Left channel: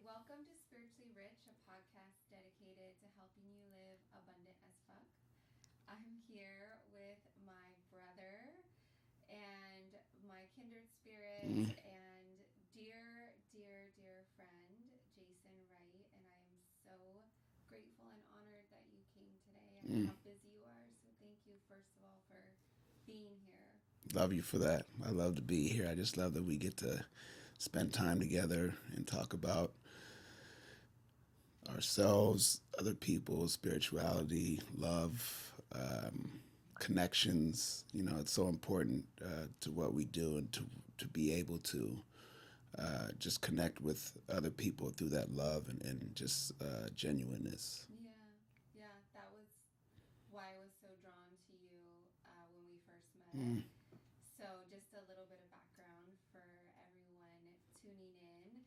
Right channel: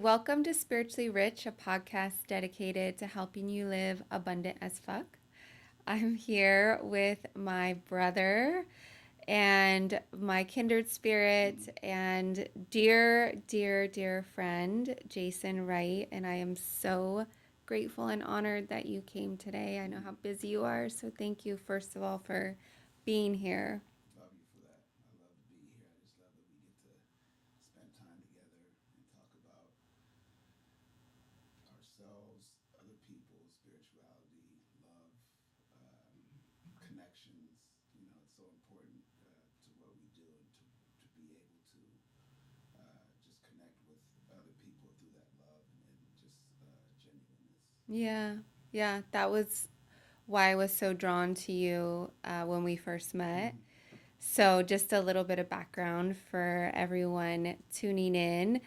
Welcome to Spiritually Rich, a podcast dedicated to helping you live abundant as fuck. I'm here with my brother and my kindred spirit and dear friend, Jason Wright. And I am so grateful and honored that you came today. I know how busy you are, so thank you, first of all, for being here. Love you for that. I love to be here. I just love that we get to spend time together and talk about ourselves, other people, spirituality, love, um, connections. It's so important to what we do and to be able to just connect with other people through that love and just genuineness. Yeah, yeah, that was why I was so drawn to you when we first met. So, just a little bit of background for everyone tuning in.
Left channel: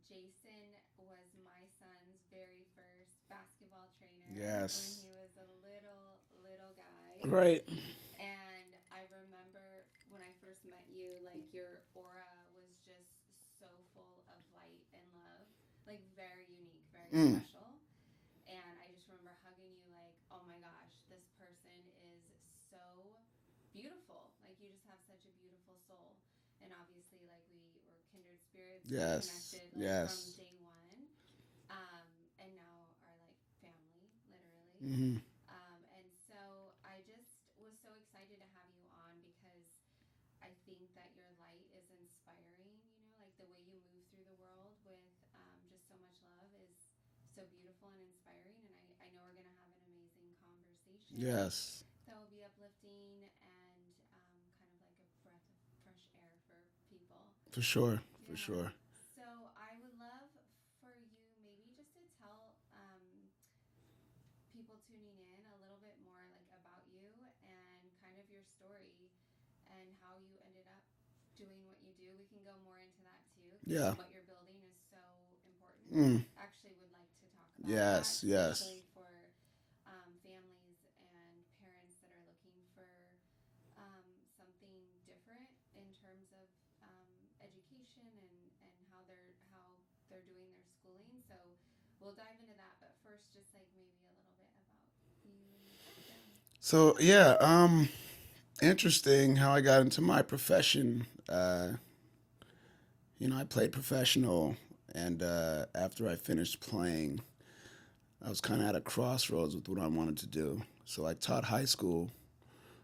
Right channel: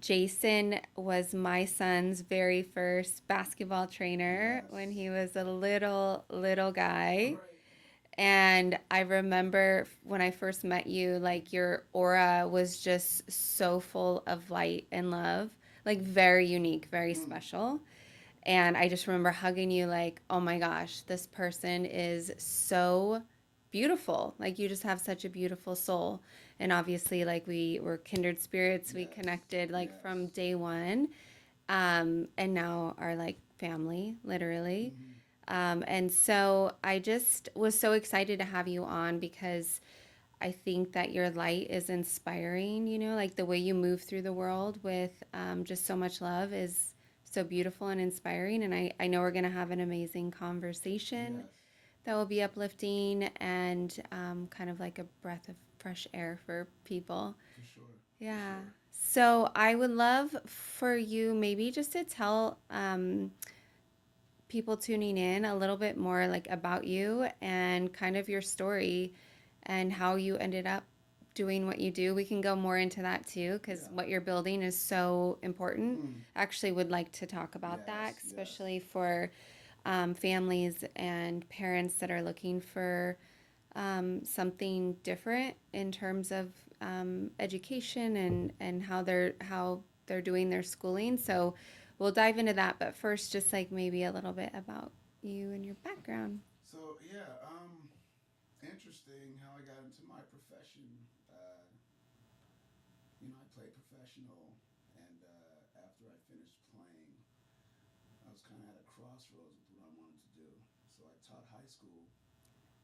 Jason was my son's very first basketball trainer when Yes. he was a little guy. Right. And I remember when I first met you, like your aura was just so full of light and love, like very unique, very special. And I just remember hugging you, like, oh my gosh, this person is so beautiful. Like, you just have such a beautiful soul. And obviously, like, we were kindred spirits. We Yes. connected, like, from Yes. day one. And now are, like, family, literally. And so I just was so excited to have you on because I think that your light is inspiring, like the way you move through the world with just so much love is so beautiful and inspiring. And I know we're going to have an amazing conversation Yes. that will be uplifting and kind of like a breath of fresh air for people. For sure. Yeah. For sure. So I would love for you maybe just to tell people tuning in a little bit more like about you and kind of your story and how you ended up doing what you do. We can go more into that too because Yeah. what you're building is so important. Mm. Actually would like to talk about that, Yes. Yes. especially for families and parents that are looking for something different in terms of education and how they're doing their schooling. So we'll dive into that, but first, just like maybe a little bit about you and your background. So yeah, interesting how I got into my profession. I played professional, and after I finished playing, I was kind of at a crossroads with what I wanted to do. So I taught high school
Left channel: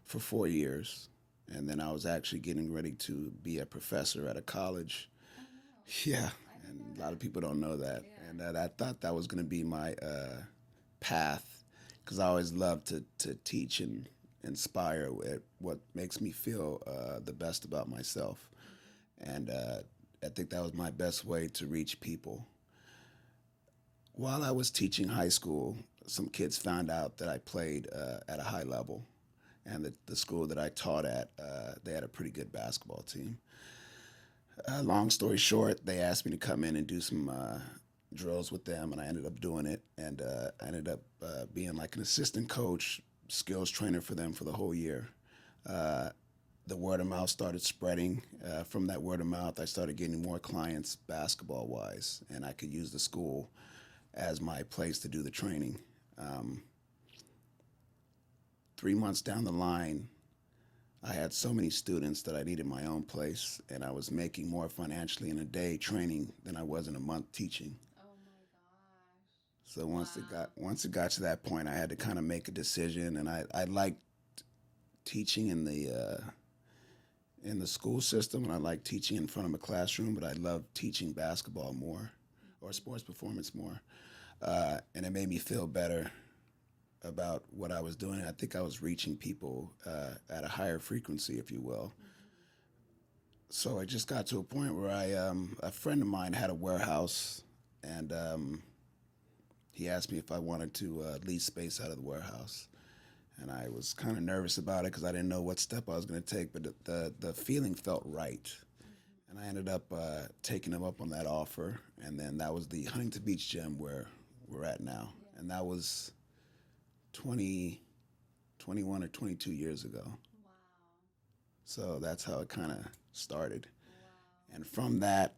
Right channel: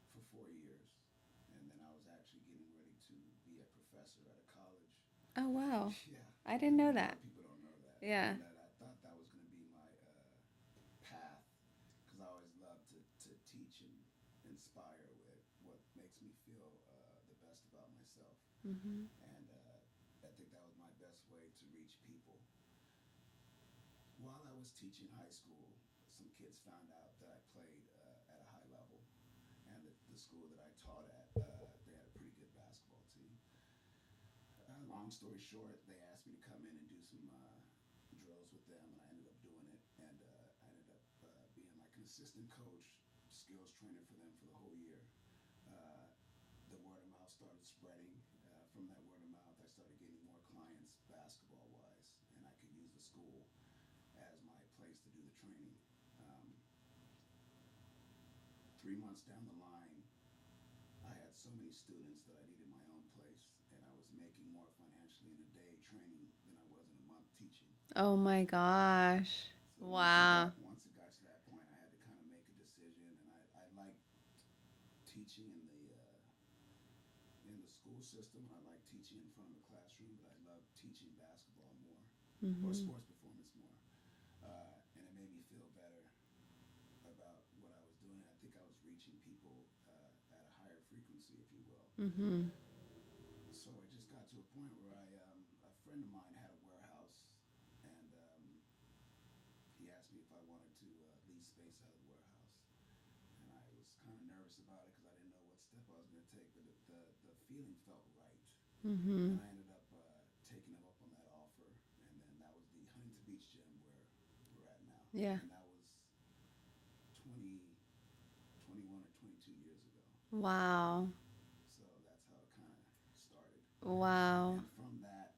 for 4 years, and then I was actually getting ready to be a professor at a college. Oh wow, Yeah, I didn't know a lot that. of people don't know that. Yeah. And I thought that was going to be my path because I always love to teach and inspire at what makes me feel the best about myself. And I think that was my best way to reach people. While I was teaching high school, some kids found out that I played at a high level. And the school that I taught at, they had a pretty good basketball team. Long story short, they asked me to come in and do some drills with them, and I ended up doing it. And I ended up being like an assistant coach, skills trainer for them for the whole year. Uh, the word of mouth started spreading. From that word of mouth, I started getting more clients basketball wise, and I could use the school as my place to do the training. Um, 3 months down the line, I had so many students that I needed my own place, and I was making more financially in a day training than I was in a month teaching. Oh my gosh. So Wow. once it got to that point, I had to kind of make a decision, and I liked teaching in the school system, and I liked teaching in front of a classroom, but I loved teaching basketball more, or Mm-hmm. sports performance more, and it made me feel better about what I was doing. I think I was reaching people at a higher frequency, if you will. Mm-hmm. So I just got to a point where a friend of mine had a warehouse, and he asked me if I wanted to lease space out of the warehouse. And I was kind of nervous about it because I didn't know what step I was going to take, but the feeling felt right. Mm-hmm. And I ended up taking him up on that offer, and then that was the Huntington Beach gym where we're at now. Yeah. And that was 20, 21 or 22 years ago. Wow. So that's how it kind of started. Wow. And from that,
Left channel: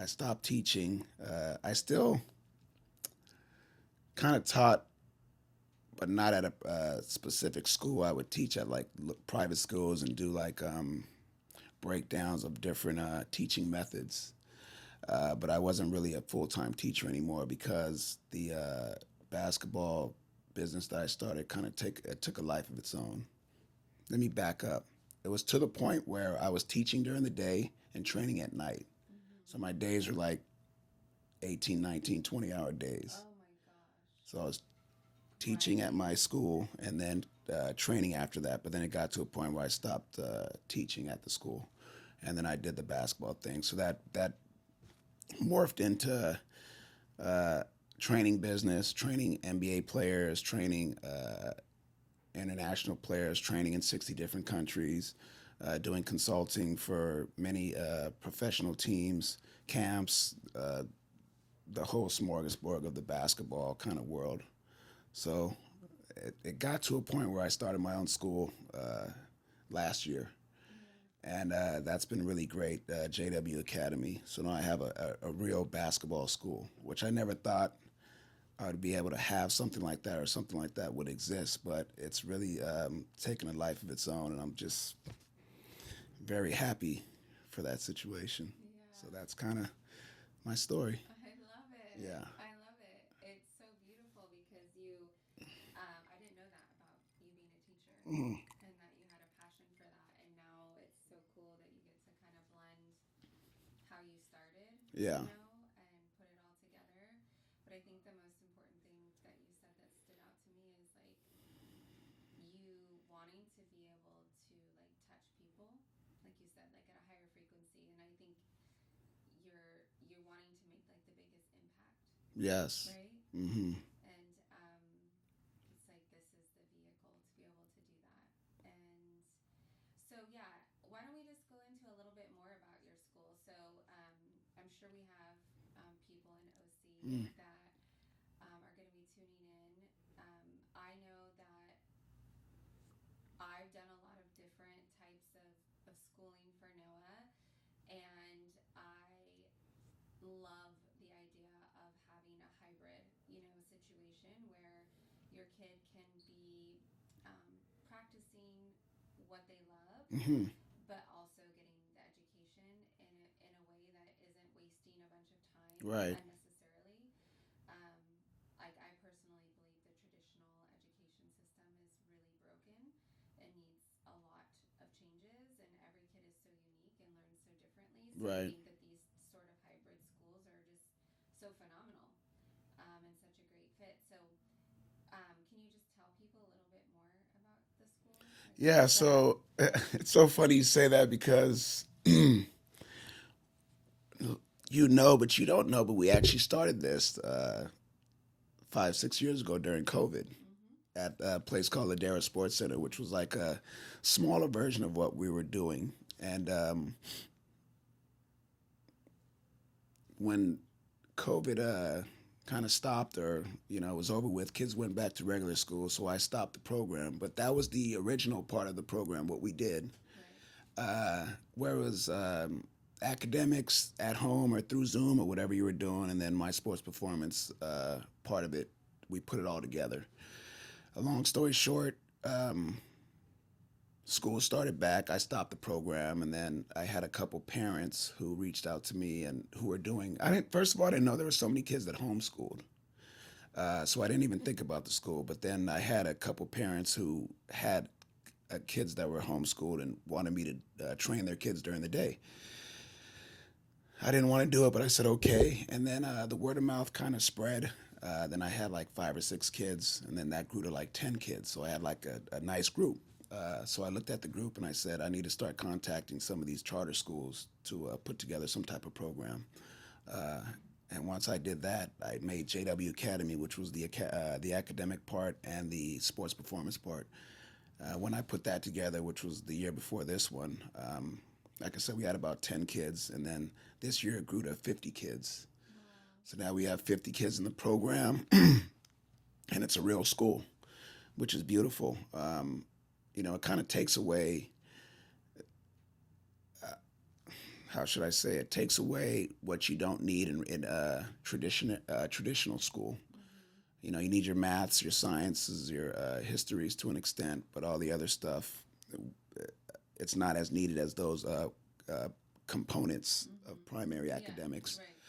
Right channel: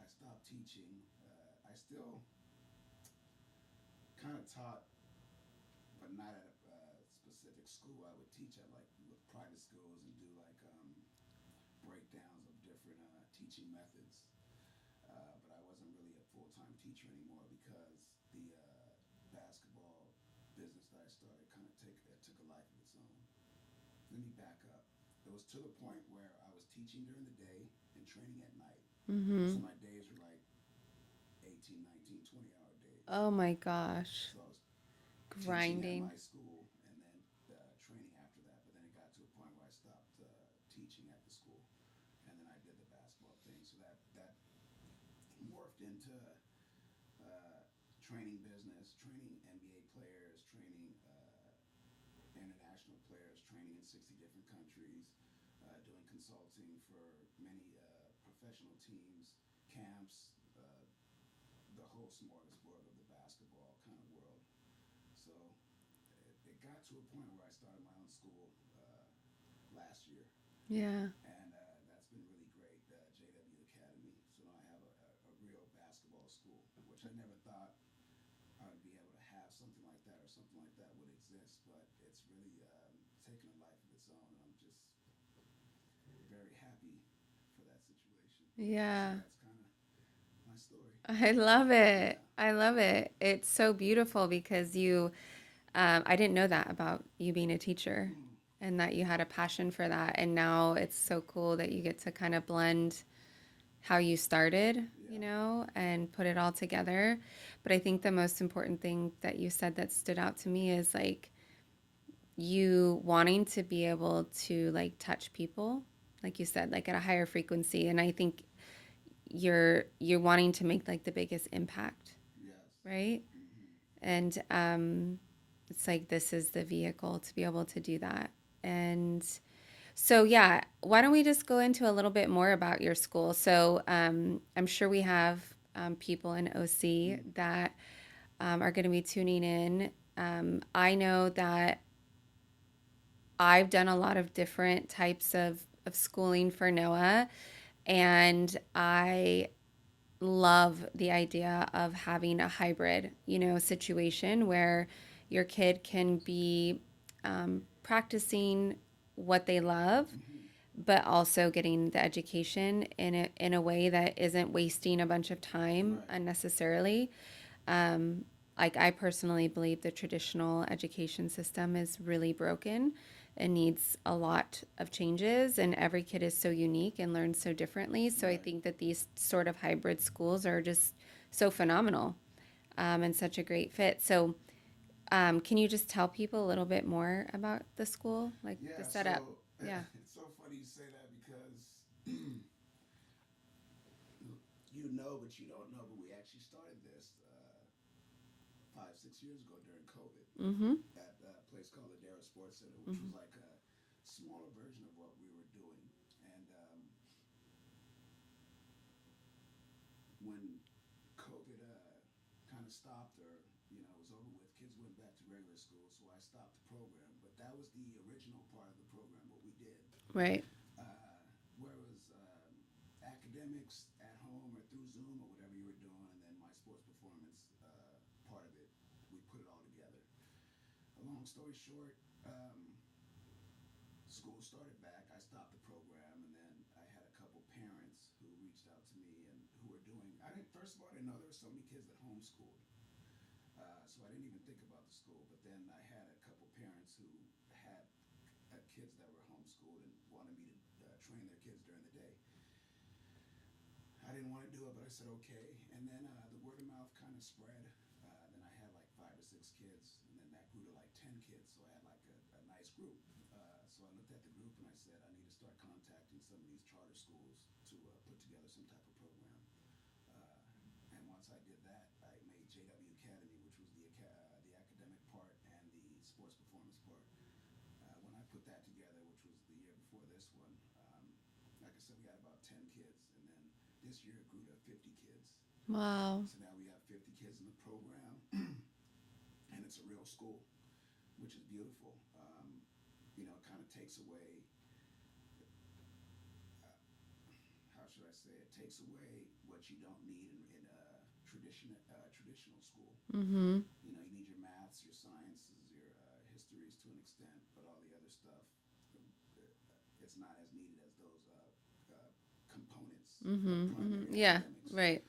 I stopped teaching. I still kind of taught, but not at a specific school. I would teach at like private schools and do like breakdowns of different teaching methods. But I wasn't really a full time teacher anymore because the basketball business that I started kind of took a life of its own. Let me back up. It was to the point where I was teaching during the day and training at night. Mm-hmm. So my days were like 18, 19, 20-hour days. Oh my gosh. So I was teaching at Grinding. my school and then training after that. But then it got to a point where I stopped teaching at the school, and then I did the basketball thing. So that morphed into training business, training NBA players, training international players, training in 60 different countries, doing consulting for many professional teams, camps, the whole smorgasbord of the basketball kind of world. So it got to a point where I started my own school last year. Yeah. And that's been really great, JW Academy. So now I have a real basketball school, which I never thought I would be able to have something like that or something like that would exist. But it's really taken a life of its own, and I'm just very happy for that situation. So Yeah. that's kind of my story. I love it. Yeah. I love it. It's so beautiful because I didn't know that about you being a teacher Mm. and that you had a passion for that. And now it's so cool that you get to kind of blend how you started, Yeah. and put it all together. But I think the most important thing that you said that stood out to me is like you wanting to be able to like touch people, like you said, like at a higher frequency. And I think you're wanting to make like the biggest impact, Yes. right? Hmm. And it's like this is the vehicle to be able to do that. And so, yeah, why don't we just go into a little bit more about your school? So, I'm sure we have people in OC Mm. that are going to be tuning in. I know that I've done a lot of different types of schooling for Noah, and I love the idea of having a hybrid, situation where your kid can be practicing what they love, Hmm. but also getting the education in a way that isn't wasting a bunch of time Right. unnecessarily. Um, like I personally believe the traditional education system is really broken and needs a lot of changes, and every kid is so unique and learns so differently. So I Right. think that these sort of hybrid schools are just so phenomenal, and such a great fit. So can you just tell people a little bit more about the school, like the Yeah. setup? So Yeah. it's so funny you say that because but you don't know, but we actually started this 5, 6 years ago during COVID Mm-hmm. at a place called Ladera Sports Center, which was Mm-hmm. like a smaller version of what we were doing. And when COVID kind of stopped, or was over with, kids went back to regular school, so I stopped the program. But that was the original part of the program, what we did, Right. where it was academics at home or through Zoom or whatever you were doing, and then my sports performance part of it. We put it all together. A long story short, school started back. I stopped the program, and then I had a couple parents who reached out to me and who were doing. I didn't. First of all, I didn't know there were so many kids that homeschooled, so I didn't even think about the school. But then I had a couple parents who had kids that were homeschooled and wanted me to train their kids during the day. I didn't want to do it, but I said okay. And then the word of mouth kind of spread. Then I had like 5 or 6 kids, and then that grew to like 10 kids. So I had like a nice group. So I looked at the group and I said, I need to start contacting some of these charter schools to put together some type of program. Uh, and once I did that, I made JW Academy, which was the academic part and the sports performance part. When I put that together, which was the year before this one, like I said, we had about 10 kids, and then this year it grew to 50 kids. Wow. So now we have 50 kids in the program, and it's a real school, which is beautiful. It kind of takes away how should I say it, takes away what you don't need in traditional school. Mm-hmm. You know, you need your maths, your sciences, your histories to an extent, but all the other stuff, it's not as needed as those uh, components Mm-hmm. of primary Yeah. academics. Right.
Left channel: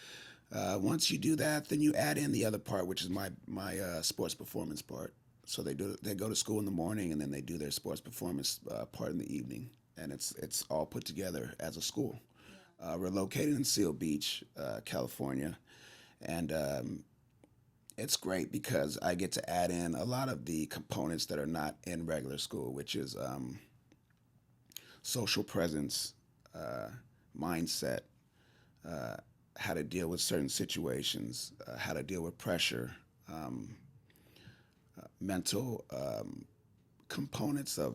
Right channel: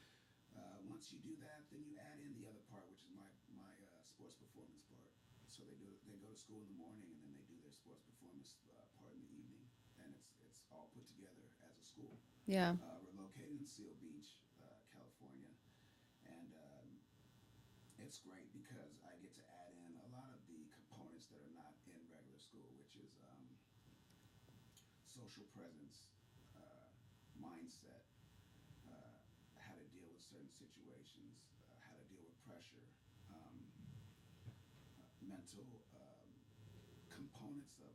Once you do that, then you add in the other part, which is my sports performance part. So they go to school in the morning, and then they do their sports performance part in the evening, and it's all put together as a school. Yeah. We're located in Seal Beach, California, and it's great because I get to add in a lot of the components that are not in regular school, which is social presence, uh, mindset, uh, how to deal with certain situations, how to deal with pressure, um, mental components of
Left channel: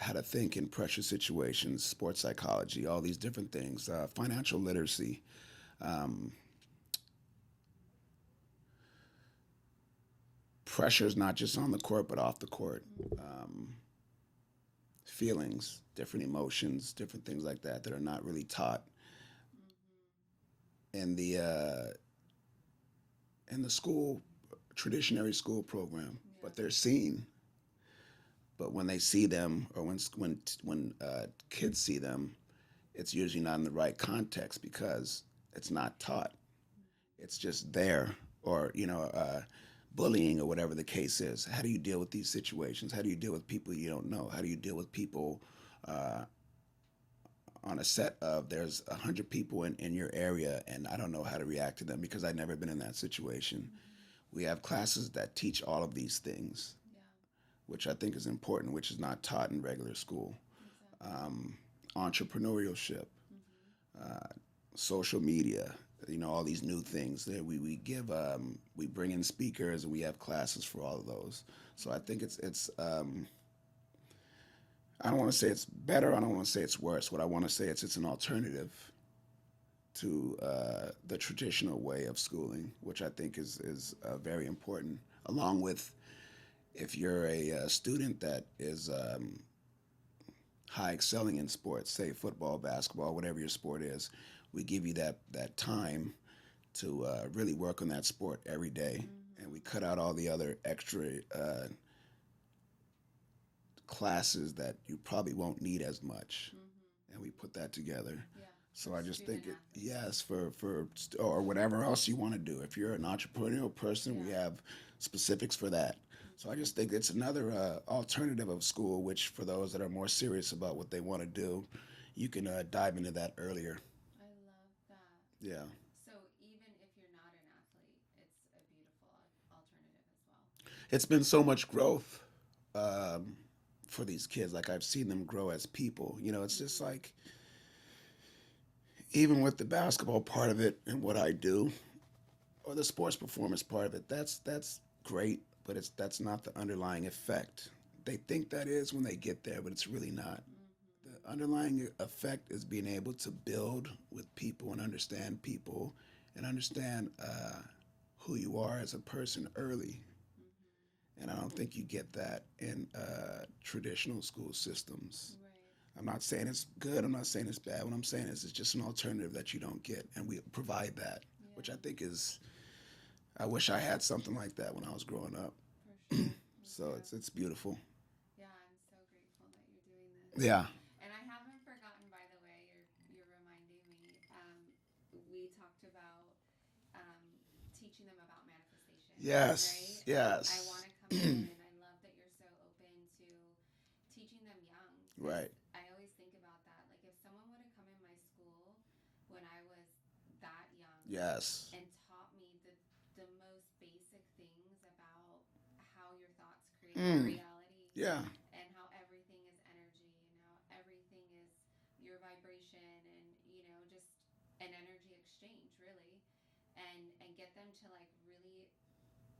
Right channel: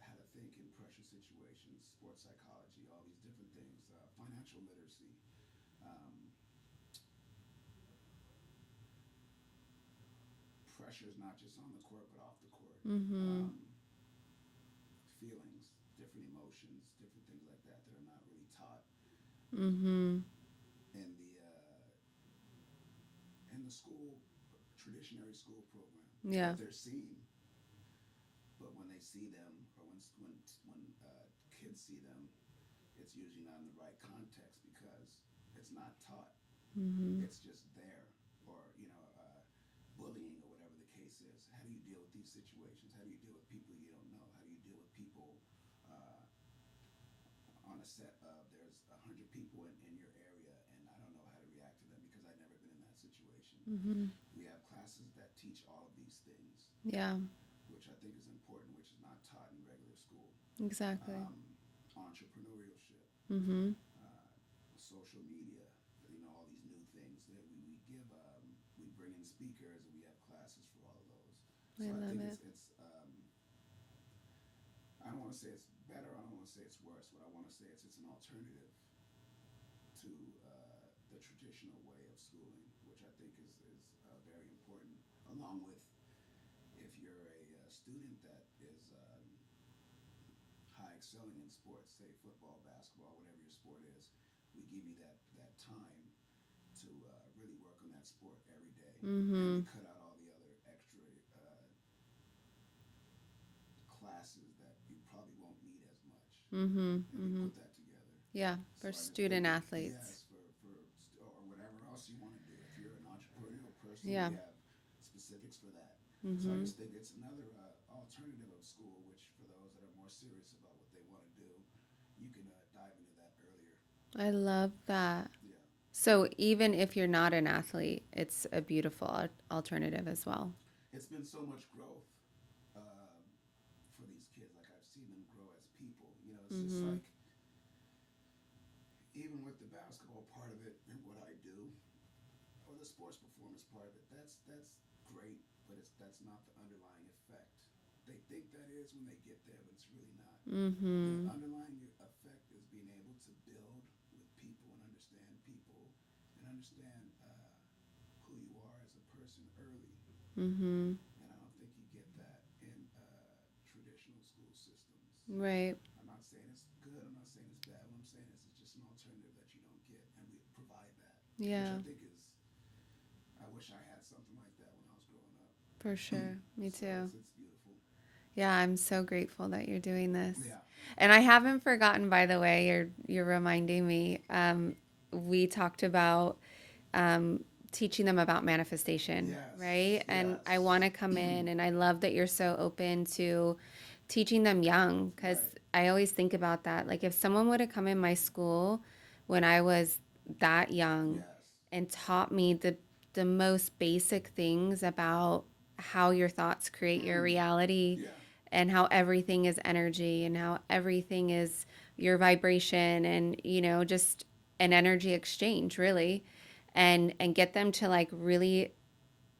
how to think in pressure situations, sports psychology, all these different things, financial literacy. Um, Pressure is not just on the court, but off the court. Mm-hmm. Feelings, different emotions, different things like that are not really taught Mm-hmm. in the school traditionary school program, Yeah. but they're seen. But when they see them, or when kids see them, it's usually not in the right context because it's not taught. Mm-hmm. It's just there, or bullying or whatever the case is. How do you deal with these situations? How do you deal with people you don't know? How do you deal with people uh, on a set of there's 100 people in your area and I don't know how to react to them because I've never been in that situation. Mm-hmm. We have classes that teach all of these things, Yeah. which I think is important, which is not taught in regular school. Exactly. Entrepreneurship, Mm-hmm. uh, social media, all these new things that we bring in speakers and we have classes for all of those. I So I love think it. it's I don't want to say it's better. I don't want to say it's worse. What I want to say it's an alternative to the traditional way of schooling, which I think is very important. Along with if you're a student that is high excelling in sports, say football, basketball, whatever your sport is, we give you that time to really work on that sport every day, and Mm-hmm. we cut out all the other extra classes that you probably won't need as much, Mm-hmm. and we Mm-hmm. put that together. Yeah. So For I just think student athletes. yes, or whatever else you want to do. If you're an entrepreneurial person, Yeah. we have specifics for that. So I Mm-hmm. just think it's another alternative of school, which for those that are more serious about what they want to do, you can dive into that earlier. I love that. Yeah, So even if you're not an athlete, it's a beautiful alternative as well. it's been so much growth um, for these kids. Like I've seen them grow as people. It's just Mm-hmm. like even with the basketball part of it and what I do, or the sports performance part of it, that's great, but that's not the underlying effect. They think that is when they get there, but it's really not. Mm-hmm. The underlying effect is being able to build with people and understand who you are as a person early. Mm-hmm. And I don't think you get that in traditional school systems. Right. I'm not saying it's good. I'm not saying it's bad. What I'm saying is it's just an alternative that you don't get, and we provide that, Yeah. which I think is. I wish I had something like that when I was growing up. For sure. Me So too. it's beautiful. Yeah, I'm so grateful that you're doing this. Yeah. And I haven't forgotten, by the way, you're reminding me. We talked about um, teaching them about manifestation, Yes. right? And I Yes. want to come in, and I love that you're so open to teaching them young, because Right. I always think about that. Like if someone would have come in my school when I was that young Yes. and taught me the most basic things about how your thoughts create your Mm. reality, Yeah. and how everything is energy, and how everything is your vibration, and just an energy exchange, really, and get them to like really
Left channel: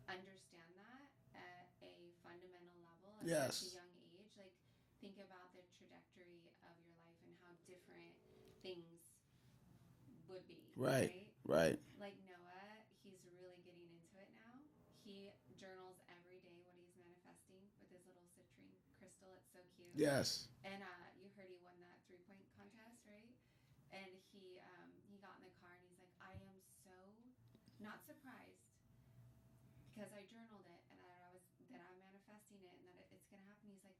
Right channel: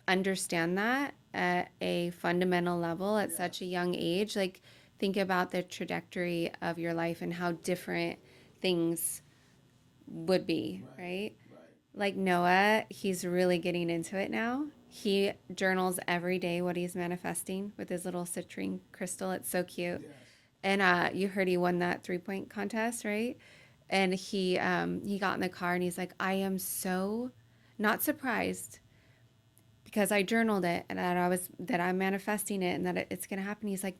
understand that at a fundamental level at such a Yes. young age. Like think about the trajectory of your life and how different things would be, Right. right? Right. Like Noah, he's really getting into it now. He journals every day what he's manifesting with his little citrine crystal. It's so cute. Yes. And you heard he won that 3-point contest, right? And he got in the car and he's like, I am so not surprised because I journaled it and that I'm manifesting it and that it's gonna happen. He's like,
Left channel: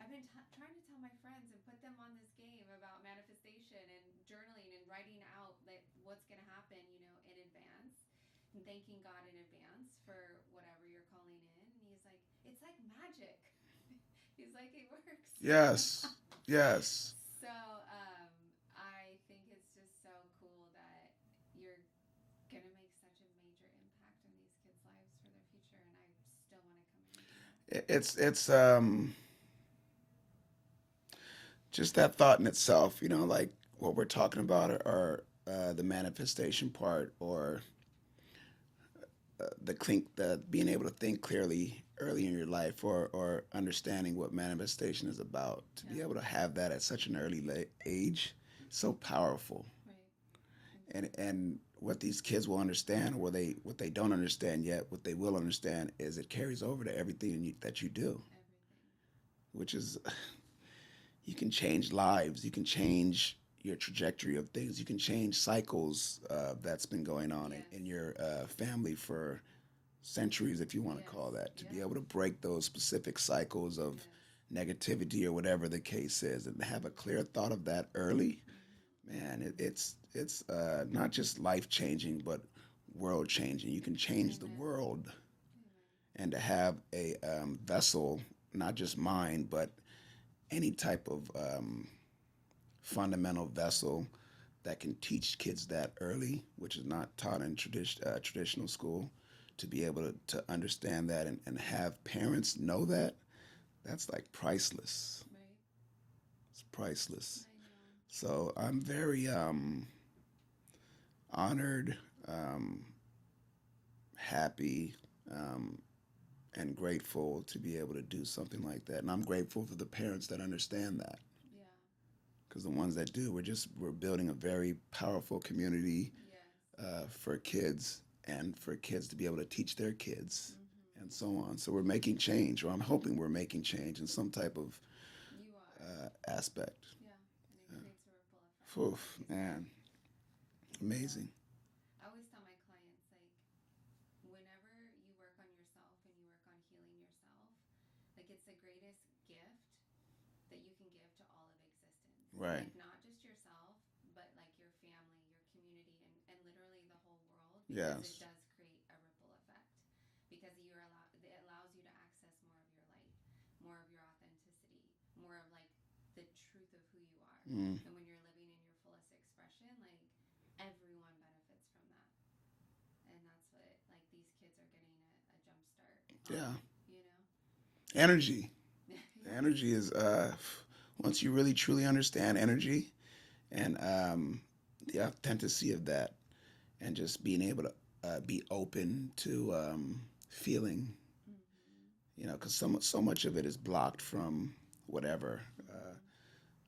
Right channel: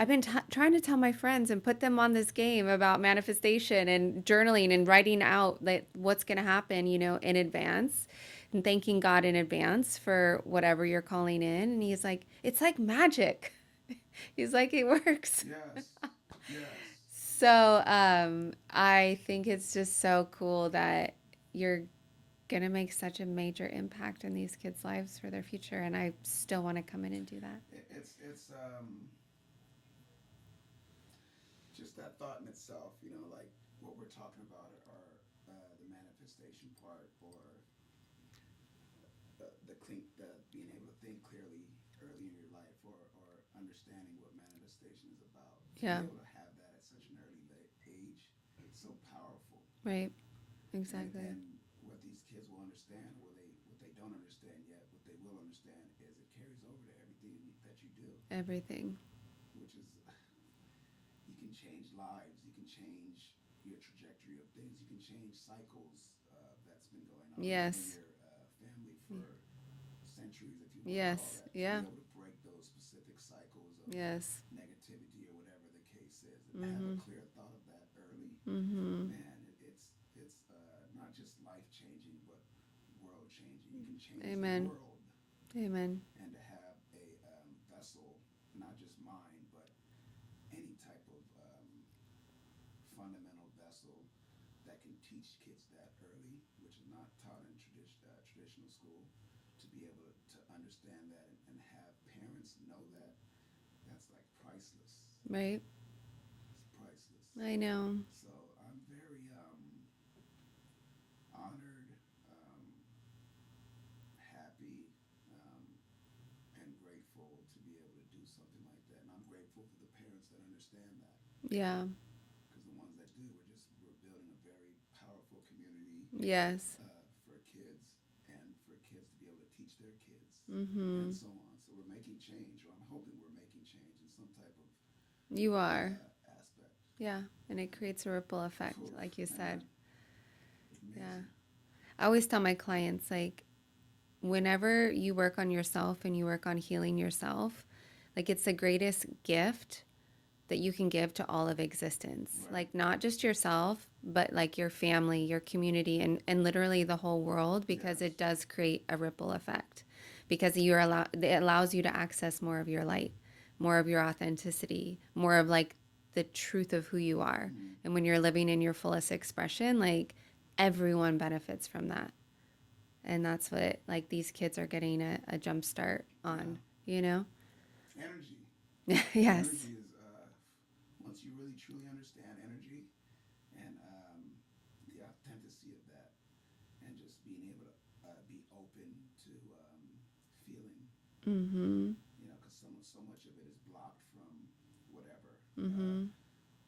I've been trying to tell my friends and put them on this game about manifestation and journaling and writing out like what's gonna happen, in advance, and thanking God in advance for whatever you're calling in. And he's like, it's like magic. He's like, it works. Yes. Yes. So I think it's just so cool that you're going to make such a major impact in these kids' lives for their future. And I still want to come in and do that. It's just that thought in itself, like what we're talking about are the manifestation part, or the being able to think clearly early in your life, or understanding what manifestation is about. To Yeah. be able to have that at such an early age, so powerful. Right. Exactly. And what these kids will understand, or what they don't understand yet, what they will understand is it carries over to everything that you do. Everything. Which is, you can change lives, you can change your trajectory of things, you can change cycles that's been going on Yes. in your family for centuries, if you want Yes. to call that. To Yeah. be able to break those specific cycles of Yes. negativity or whatever the case is, and have a clear thought of that early, man, it's not just life changing, but world changing. You can change Amen. the world. Amen. And to have a vessel, not just mind, but any type of fundamental vessel that can teach kids that early, which is not taught in traditional school, to be able to understand that, and have parents know that, that's like priceless. Right. It's priceless. I know. So I'm very honored, happy, and grateful to be able to do something like that. And I'm grateful for the parents that understand that. Yeah. Because the ones that do, we're building a very powerful community. Yes. For kids, and for kids to be able to teach their kids, and so on. So we're making change, or I'm hoping we're making change in some type of You are. aspect. Yeah. And it creates a ripple effect, Oof, like you man. said. Amazing. I always tell my clients, like, whenever you work on yourself and you work on healing yourself, like, it's the greatest gift that you can give to all of existence. Right. Like, not just yourself, but like your family, your community, and literally the whole world, because Yes. it does create a ripple effect, because it allows you to access more of your light, more of your authenticity, more of like the truth of who you are. And when you're living in your fullest expression, like, everyone benefits from that. And that's what, like, these kids are getting a jump start on, Energy. Yes. Energy is, once you really truly understand energy, and the authenticity of that, and just being able to be open to feeling, because so much of it is blocked from whatever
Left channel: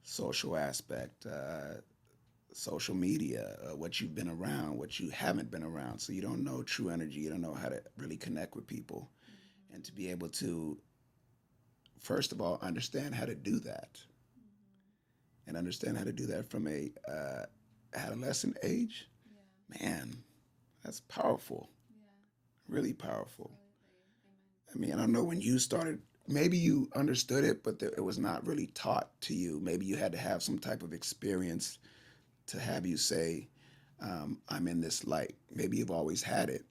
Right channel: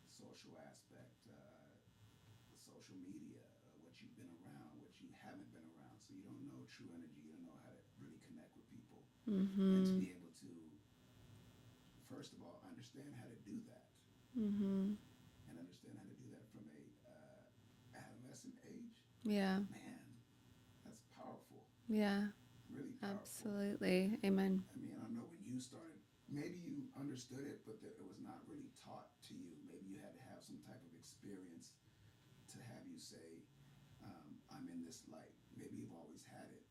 social aspect, social media, what you've been around, what you haven't been around. So you don't know true energy. You don't know how to really connect with people, and to be able to, first of all, understand how to do that, and understand how to do that from a adolescent age. Yeah. Man, that's powerful. Yeah. Really powerful. Absolutely. Amen. I mean, I don't know when you started. Maybe you understood it, but it was not really taught to you. Maybe you had to have some type of experience to have you say, I'm in this light. Maybe you've always had it.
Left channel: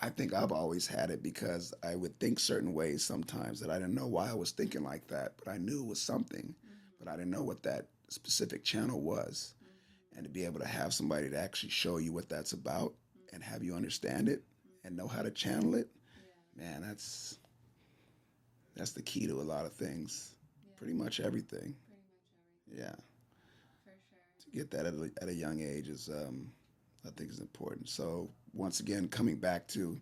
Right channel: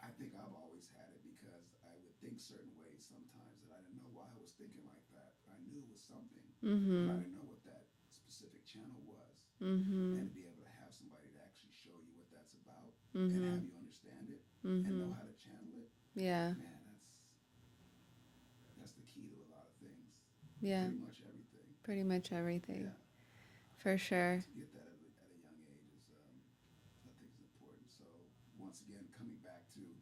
I think I've always had it, because I would think certain ways sometimes that I didn't know why I was thinking like that, but I knew it was something, but I didn't know what that specific channel was. And to be able to have somebody to actually show you what that's about, and have you understand it, and know how to channel it, Yeah. man, that's the key to a lot of things. Yeah. Pretty much everything. Pretty much everything. Yeah. For sure. To get that at a young age is, I think, is important. So once again, coming back to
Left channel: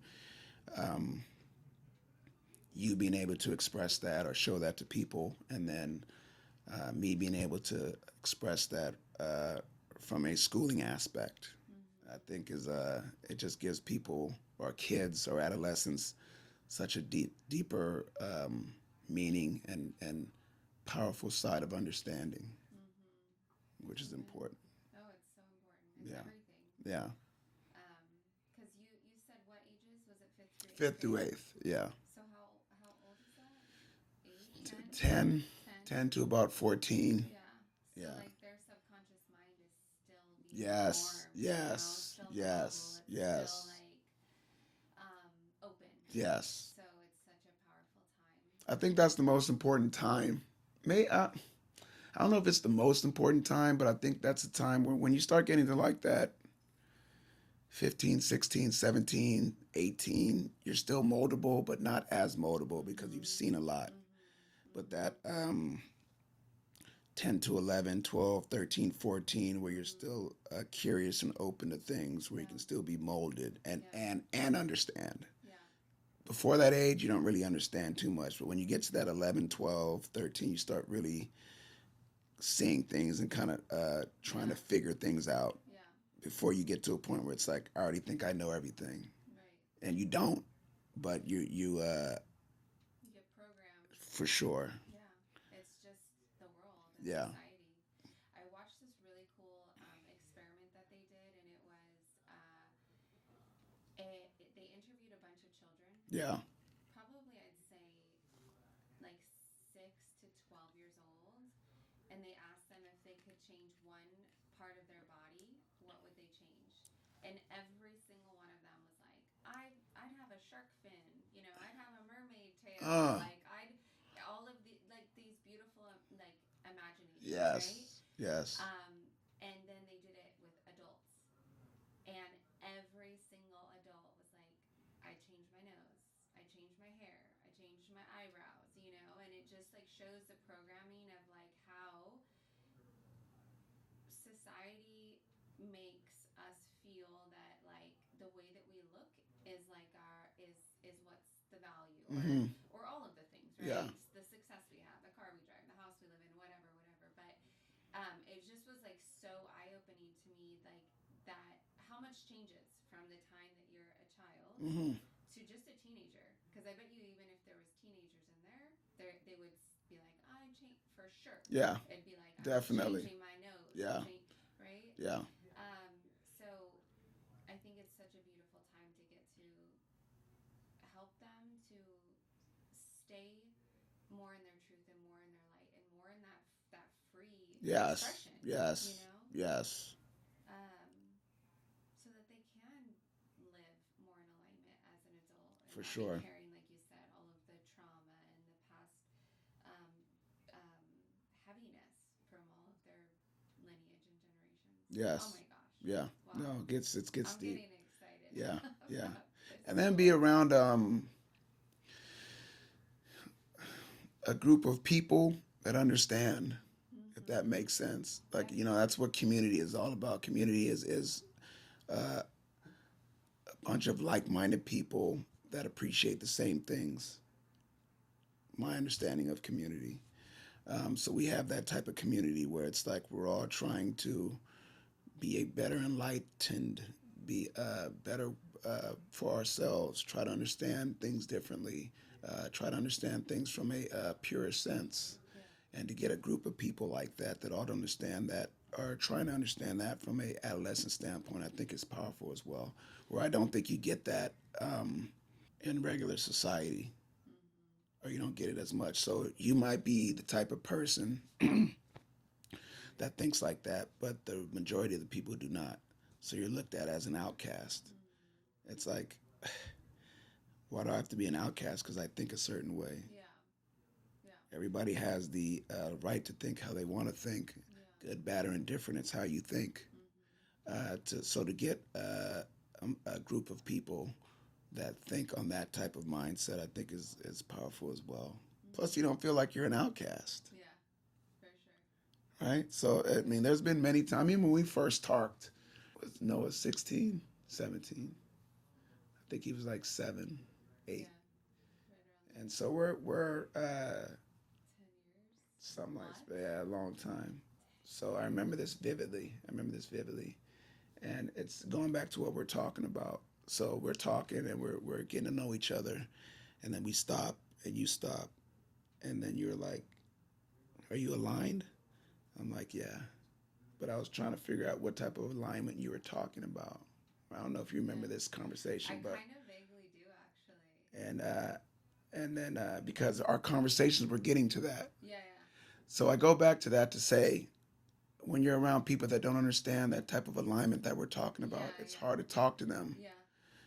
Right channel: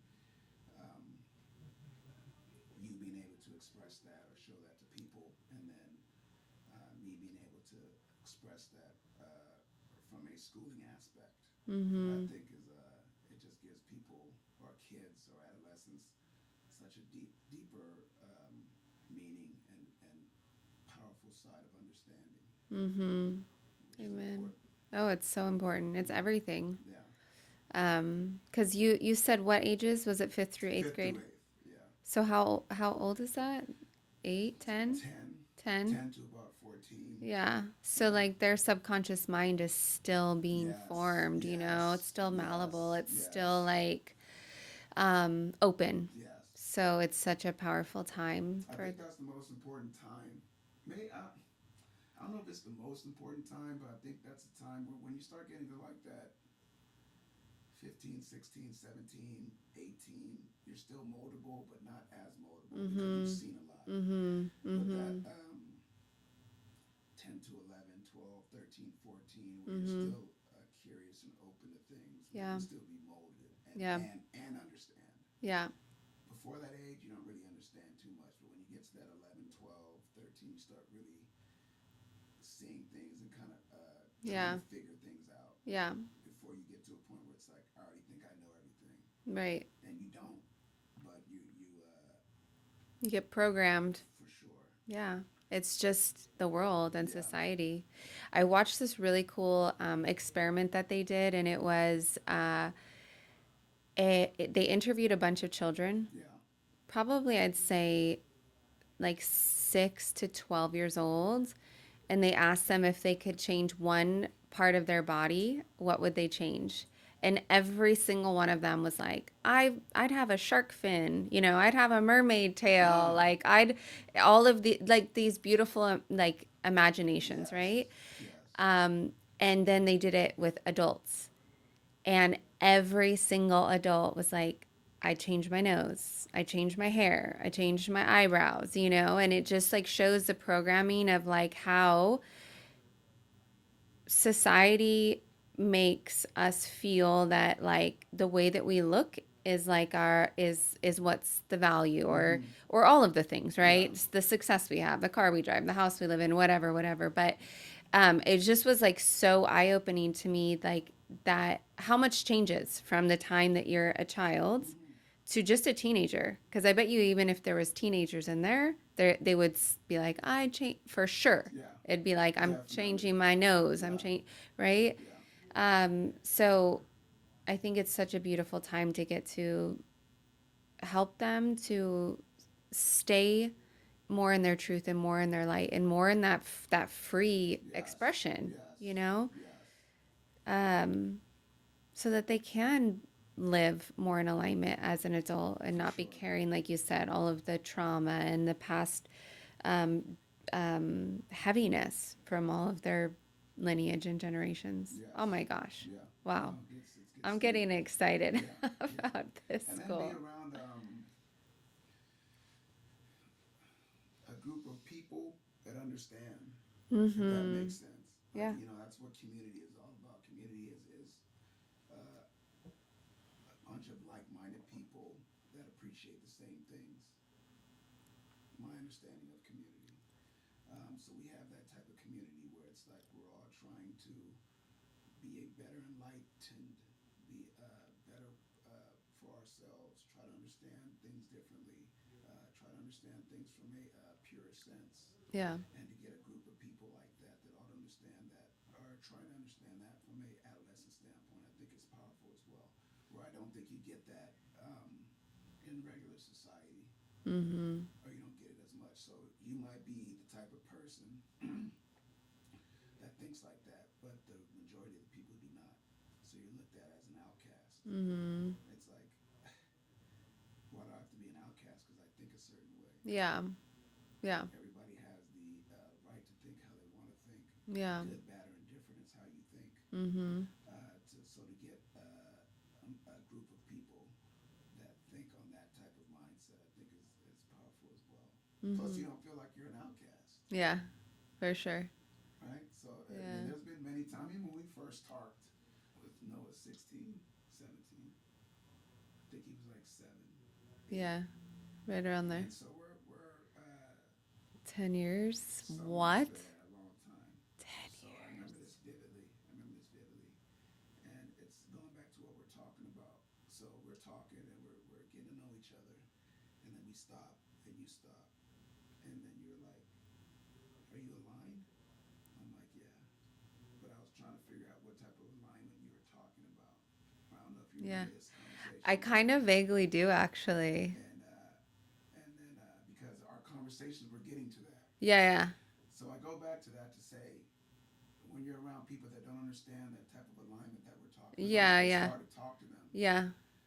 you being able to express that or show that to people, and then me being able to express that from a schooling aspect, I think is it just gives people, or kids or adolescents, such a deeper meaning and powerful side of understanding, which is Amen. important. Oh, it's so important. It's everything. Yeah. 'Cause you said what ages? Was it fifth through eighth Fifth grade? through eighth. Yeah. So how old is that? 8, 10? 10, 10? 10 to about 14. Yeah. So Yeah. like their subconscious mind is still being Yes. formed, you know? It's Yes. still malleable. Yes. It's still Yes. like open. Yes. So it's such a powerful time I for think that's the most important time. May I don't know if it's the most important time, but I think that's a time where when you start getting to like that 15, 16, 17, 18, you're still moldable, but not as moldable because you've mhm. seen a lot. Mhm. But that Mhm. 10 to 11, 12, 13, 14, where you're Mhm. still curious and open to things, where you Yeah. can still be molded Yeah. and understand. Yeah. Before that age, you don't really understand too much. But when you get to that 11, 12, 13, you start really seeing things and kind of trying Yeah. to figure things out Yeah. before you get to a point where it's like, I already think I know everything. Right. And you don't, but you You get programmed. for sure. Yeah. It's just the world and Yeah. society. I watched this really cool experiment that they did, and it was they interviewed a bunch of children, Yeah. probably I'd say like 6 to 12 years old, and they asked them if they could change one part of their body, what would they change? And every single one of them was like, I'd have a shark fin, you know, I'd have a mermaid tail, Ah, like I'd all of the like these beautiful like imaginations, yes. right? Yes. Um, and then they did it with adults, and every single adult was like, I changed my nose, I changed my hair, I changed my eyebrows, you know, and it just like shows the programming of like how society makes us feel that like the way that we look is like our is what's the value, Mm-hmm. or all of the things, Yeah. right? It's the success we have, the car we drive, the house we live in, whatever. But it just was like so eye-opening to me, like that how much changes from the time that you're a child Mm-hmm. to just a teenager. Because I bet you, even if there was teenagers in there, they would be like, I change for sure. Yeah. It'd be like, I'm Definitely. changing my nose. I'm Yeah. changing, right? Yeah. So I think it's such a beautiful time to get to help them to stay more in their truth and more in their light and more in that free Yes. expression, Yes. you know, Yes. um, so that they can live more in alignment as an adult and For not be sure. carrying, like you said, all of the trauma and the past um, heaviness from all of their lineage and generations. Oh Yes. my gosh. Yeah. Wow. No, it gets I'm deep. getting excited Yeah. Yeah. about this And then be school. around a group of people that understand, if that Mm-hmm. makes sense. Like, Yeah. that's what community is all about. Community is uh, a bunch of like-minded people that appreciate the same things. My understanding of community. So we have that type of community where it's like we're all trying to be a better enlightened, be better for ourselves, try to understand things differently, try to understand things from a purer sense. Yeah. And to get a group of people like that that ought to understand that, or trying to understand that from a adolescent standpoint, I think is powerful as well. Where I don't think you get that in regular society, Mm-hmm. or you don't get it as much. So you might be the type of person that thinks like that, but the majority of the people do not. So you're looked at as an outcast. Mm-hmm. It's like, why do I have to be an outcast because I think a certain way? Yeah. Yeah. Everybody has the right to think how they want to think. Yeah. Good, bad, or indifferent. It's how you think. Mm-hmm. To get a group of people that think on that type of mindset, I think is powerful as well. Plus, Mm-hmm. you don't feel like you're an outcast, Yeah. For sure. right? So, I mean, Yeah. there's been many times. I mean, when we first talked, was Noah 16, 17? I think he was like 7, 8. Yeah. Right around there. And so we're 10 years. something like What? that, a long time. 10 So I remember this vividly. And it's going back to what we're talking about. So we're talking and we're getting to know each other, and then we stop and you stop, and then you're like, "Are you aligned?" I'm like, "Yeah." but I was trying to figure out what type of alignment you were talking about. I don't know if you remember this conversation. I kind of vaguely do, actually. And then because our conversations were getting to that. Yeah. So I go back to that to say, when you're around people that don't understand that type of alignment that we're talking about, it's hard to talk to them. Yeah.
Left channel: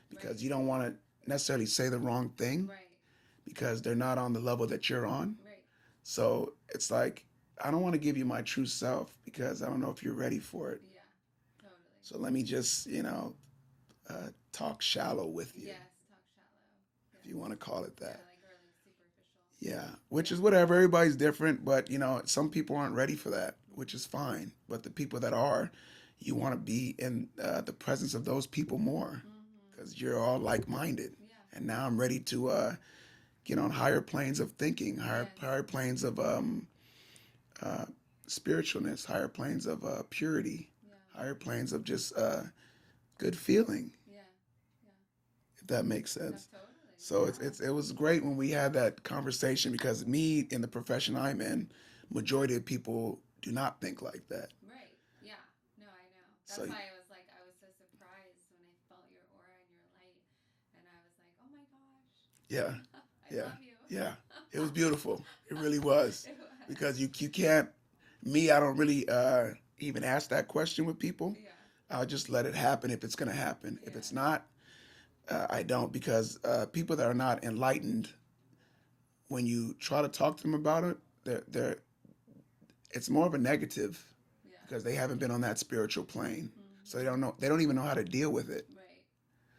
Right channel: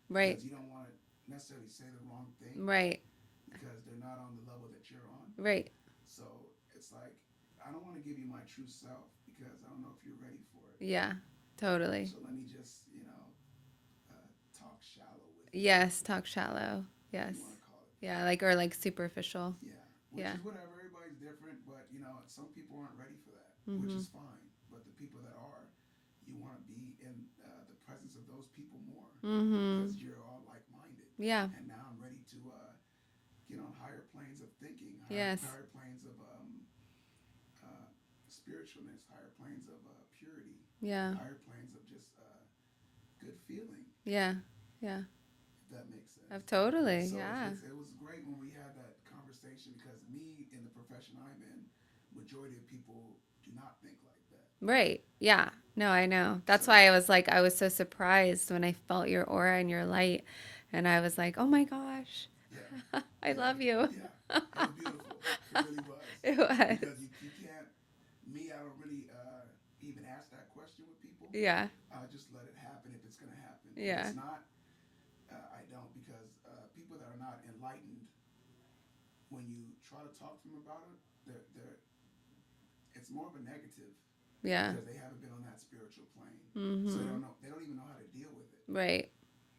Right. Because you don't want to necessarily say the wrong thing. Right. Because they're not on the level that you're on. Right. So it's like, I don't want to give you my true self because I don't know if you're ready for it. Yeah, totally. So let me just, talk shallow with you. Yes, talk shallow. Yes. You want to call it that. Yeah, or superficial. Yeah, which is whatever. Everybody's different, but, some people aren't ready for that, which is fine. But the people that are, you want to be in the presence of those people more because you're all like-minded. Yeah. And now I'm ready to get on higher planes of thinking, higher planes of spiritualness, higher planes of purity, higher planes of just good feeling. Yeah. If that makes sense. Totally. So it was great when we had that conversation because me, in the profession I'm in, majority of people do not think like that. Right. Yeah. No, I know. That's why I was so surprised when I felt your aura and your light. And I was like, oh my gosh. Yeah. I love you. Yeah. It was beautiful. It really was. It was. Because you can't, I don't really even ask that question with people. Yeah. I'll just let it happen if it's going to happen. Yeah. If it's not, I don't, because people that are not enlightened, when you try to talk to them about it, it's more of a negative. Yeah. Because they haven't been on that spiritual plane. So they don't even know how to deal with it. Right.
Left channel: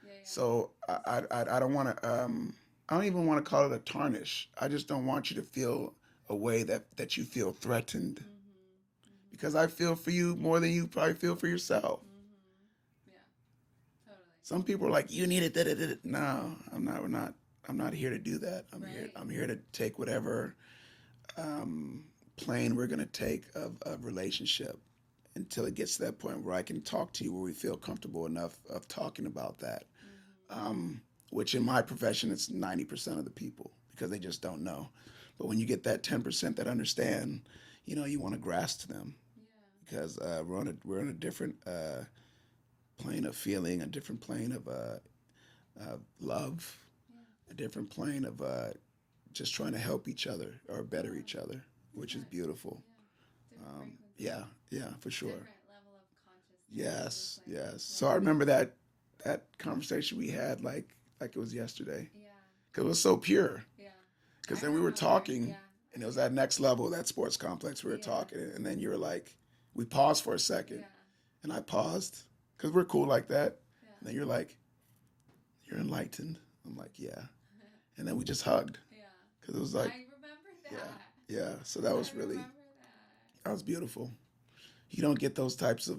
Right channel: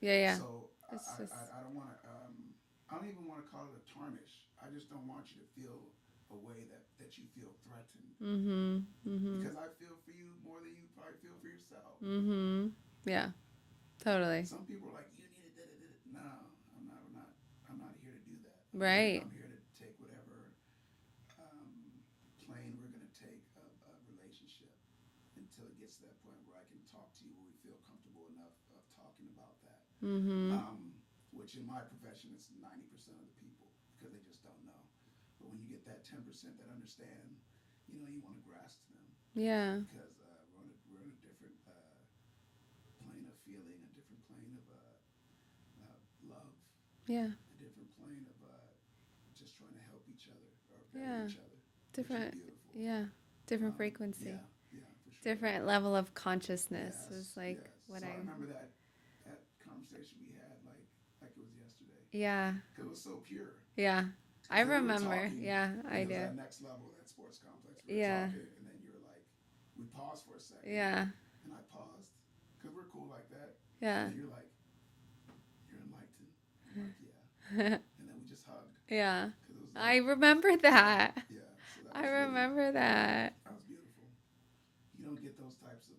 Yeah. So I don't want to, I don't even want to call it a tarnish. I just don't want you to feel a way that you feel threatened. Because I feel for you more than you probably feel for yourself. Yeah. Totally. Some people are like, you need it. No, I'm not here to do that. I'm here to take whatever plane we're going to take of relationship until it gets to that point where I can talk to you where we feel comfortable enough of talking about that. Which in my profession, it's 90% of the people because they just don't know. But when you get that 10% that understand, you want to grasp them. Yeah. Because we're on a different plane of feeling, a different plane of love. Yeah. A different plane of just trying to help each other or better each other, which is beautiful. Yeah. Different frequency. Yeah, for sure. Different level of consciousness. Yes. So I remember that conversation we had like it was yesterday. Yeah. Because it was so pure. Yeah. Because then we were talking. Yeah, it was that next level, that sports complex we were talking. And then you were like, we paused for a second. Yeah. And I paused because we're cool like that. Yeah. And you're like, you're enlightened. I'm like, yeah. And then we just hugged. Yeah. Because it was like, I remember that. Yeah. So that was I remember that. That was beautiful. You don't get those types of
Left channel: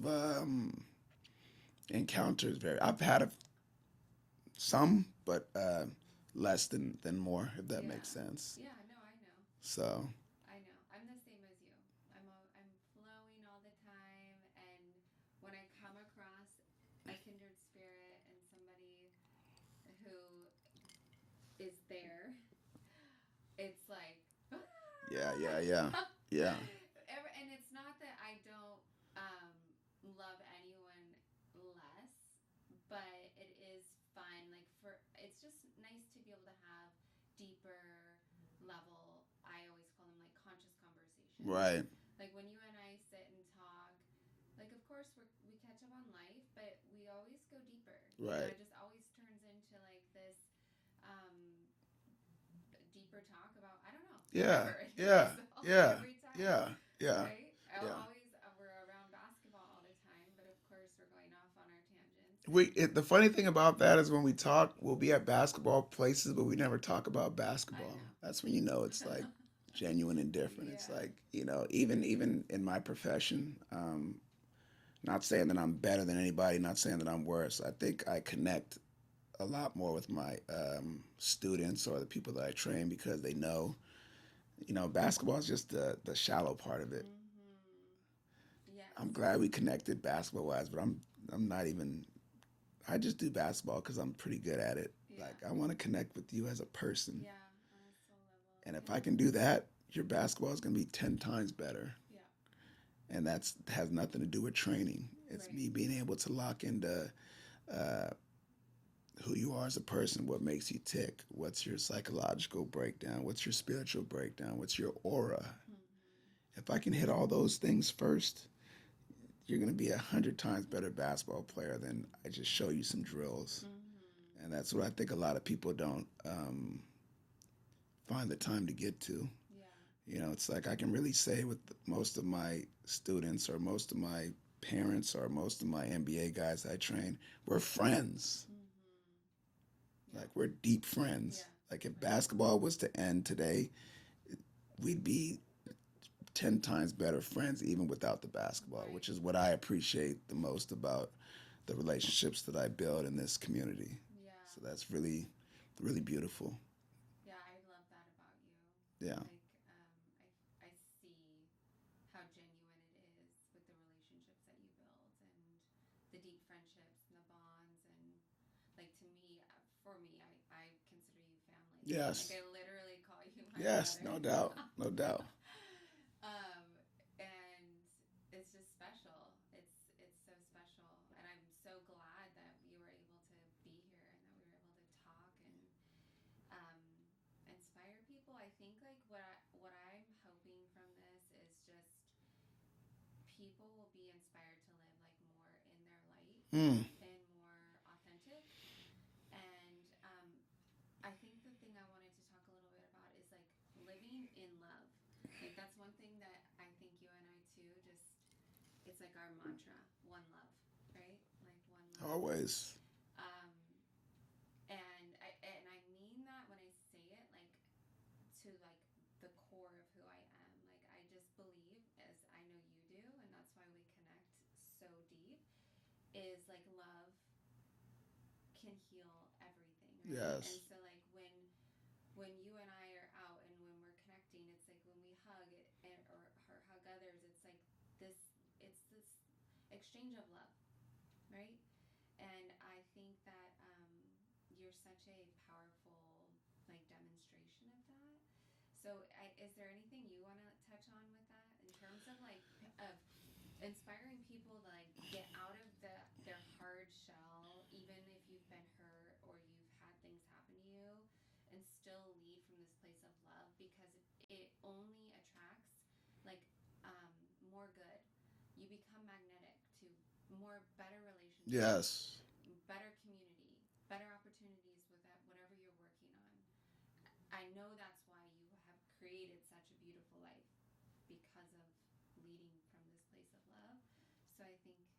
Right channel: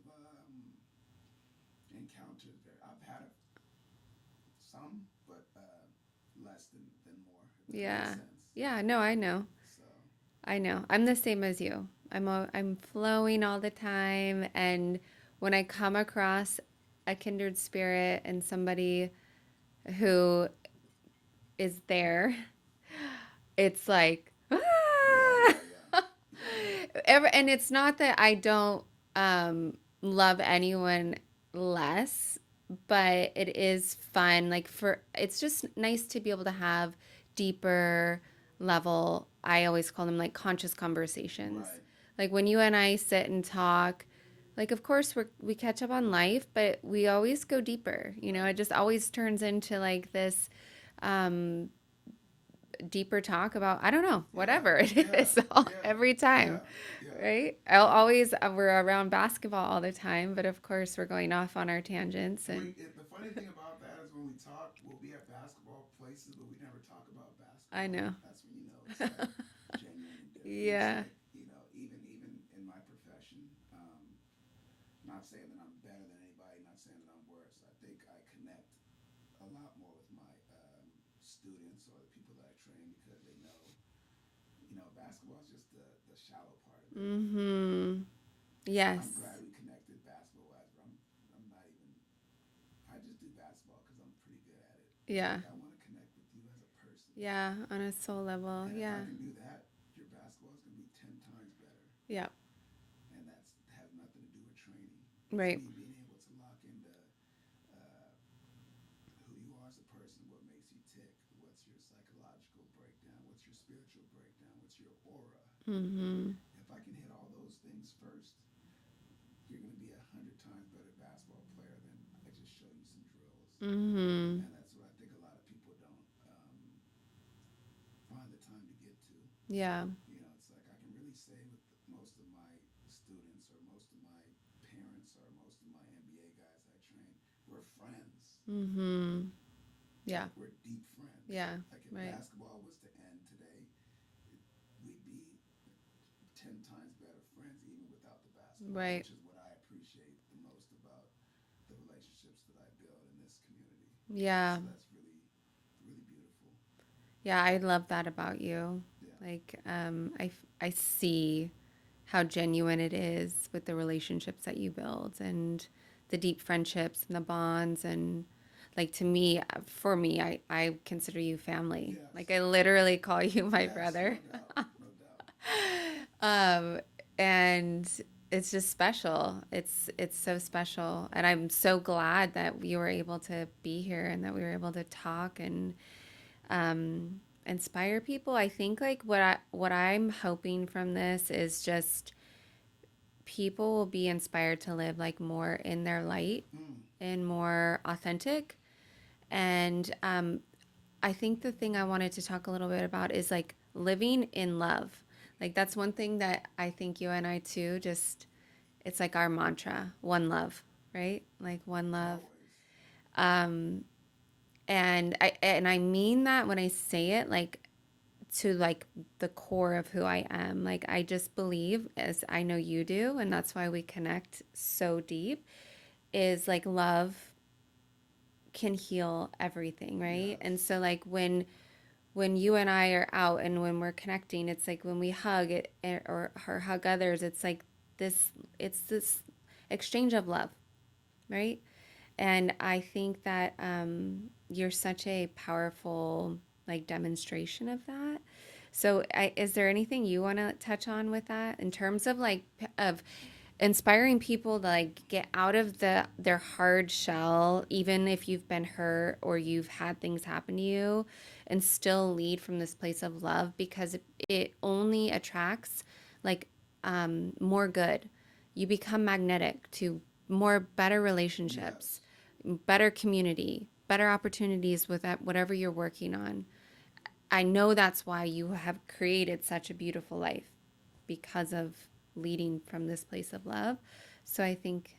encounters I've had some, but less than more, if that makes sense. Yeah, no, I know. So I know. I'm the same as you. I'm flowing all the time, and when I come across a kindred spirit and somebody who is there, it's like yeah. And it's not that I don't love anyone less, but it is fun. It's just nice to be able to have deeper level. I always call them conscious conversations. Right. Like when you and I sit and talk, of course we catch up on life, but we always go deeper. You know, it just always turns into this deeper talk about, I don't know, whatever it is every time. Yeah. Right? We're around basketball all the time, but of course we're going off on our tangents. The funny thing about that is when we talk, we'll be at basketball places, but we never talk about basketball. I know. That's when it's like genuine indifference. Yeah. Even in my profession, not saying that I'm better than anybody, not saying that I'm worse. I think I connect a lot more with my students or the people that I train because they know, basketball is just the shallow part of it. Yes. I'm glad we connected basketball-wise, but I'm not even. I just do basketball because I'm pretty good at it. Yeah. I want to connect with you as a person. Yeah, on a soul level. And if I can do that, your basketball is going to be 10 times better. Yeah. and that's has nothing to do with training. It's Right. me being able to lock into uh, who you are as a person, what makes you tick, what's your psychological breakdown, what's your spiritual breakdown, what's your aura. Mm-hmm. If I can hit all those things first, you're going to be 100 times better basketball player than I just show you some drills. Mm-hmm. And that's what I think a lot of people don't find the time to get to. Yeah. You know, it's like I can really say with most of my students or most of my parents or most of my NBA guys I train, we're friends. Mm-hmm. Yeah. Like we're deep friends. Yeah. Like if Right. basketball was to end today, we'd be 10 times better friends even without the basketball, Right. which is what I appreciate the most about the relationships that I build in this community. Yeah. So that's really, really beautiful. Yeah, I love that about you. Yeah. Like, I see how genuine it is with the relationships that you build and the deep friendships and the bonds. And like, to me, for me, I consider you family. Like, Yes. I literally call you my Yes, brother. no doubt. No doubt. um, and it's just special. It's so special. And I'm so glad that we were able to be here and that we were able to talk and um, inspire people. I think like what I'm hoping from this is just people will be inspired to live like more in their light Mm. and more authentic. And I think the thing I wanted to talk a little bit about is like living in love. Like that's one thing that I think you and I too just it's like our mantra, one love, right? Like one love. Always. Um, and I mean that when I say it, like to like the core of who I am. Like I just believe, as I know you do, and that's why we connect so deep, is like love can heal everything, right? And Yes. so like when you and I are out and when we're connecting, it's like when we hug it or hug others, it's like this it's this exchange of love, right? And I think that you're such a powerful like demonstration of that. So, is there anything you want to touch on with that in terms of like of inspiring people to like get out of their hard shell, even if you've been hurt or you've had things happen to you, and still lead from this place of love because it only attracts like more good. You become magnetic to more better relationships, Yes. better community, better opportunities with that, whatever you're working on. I know that's why you have created such a beautiful life because of leading from this place of love. So I think,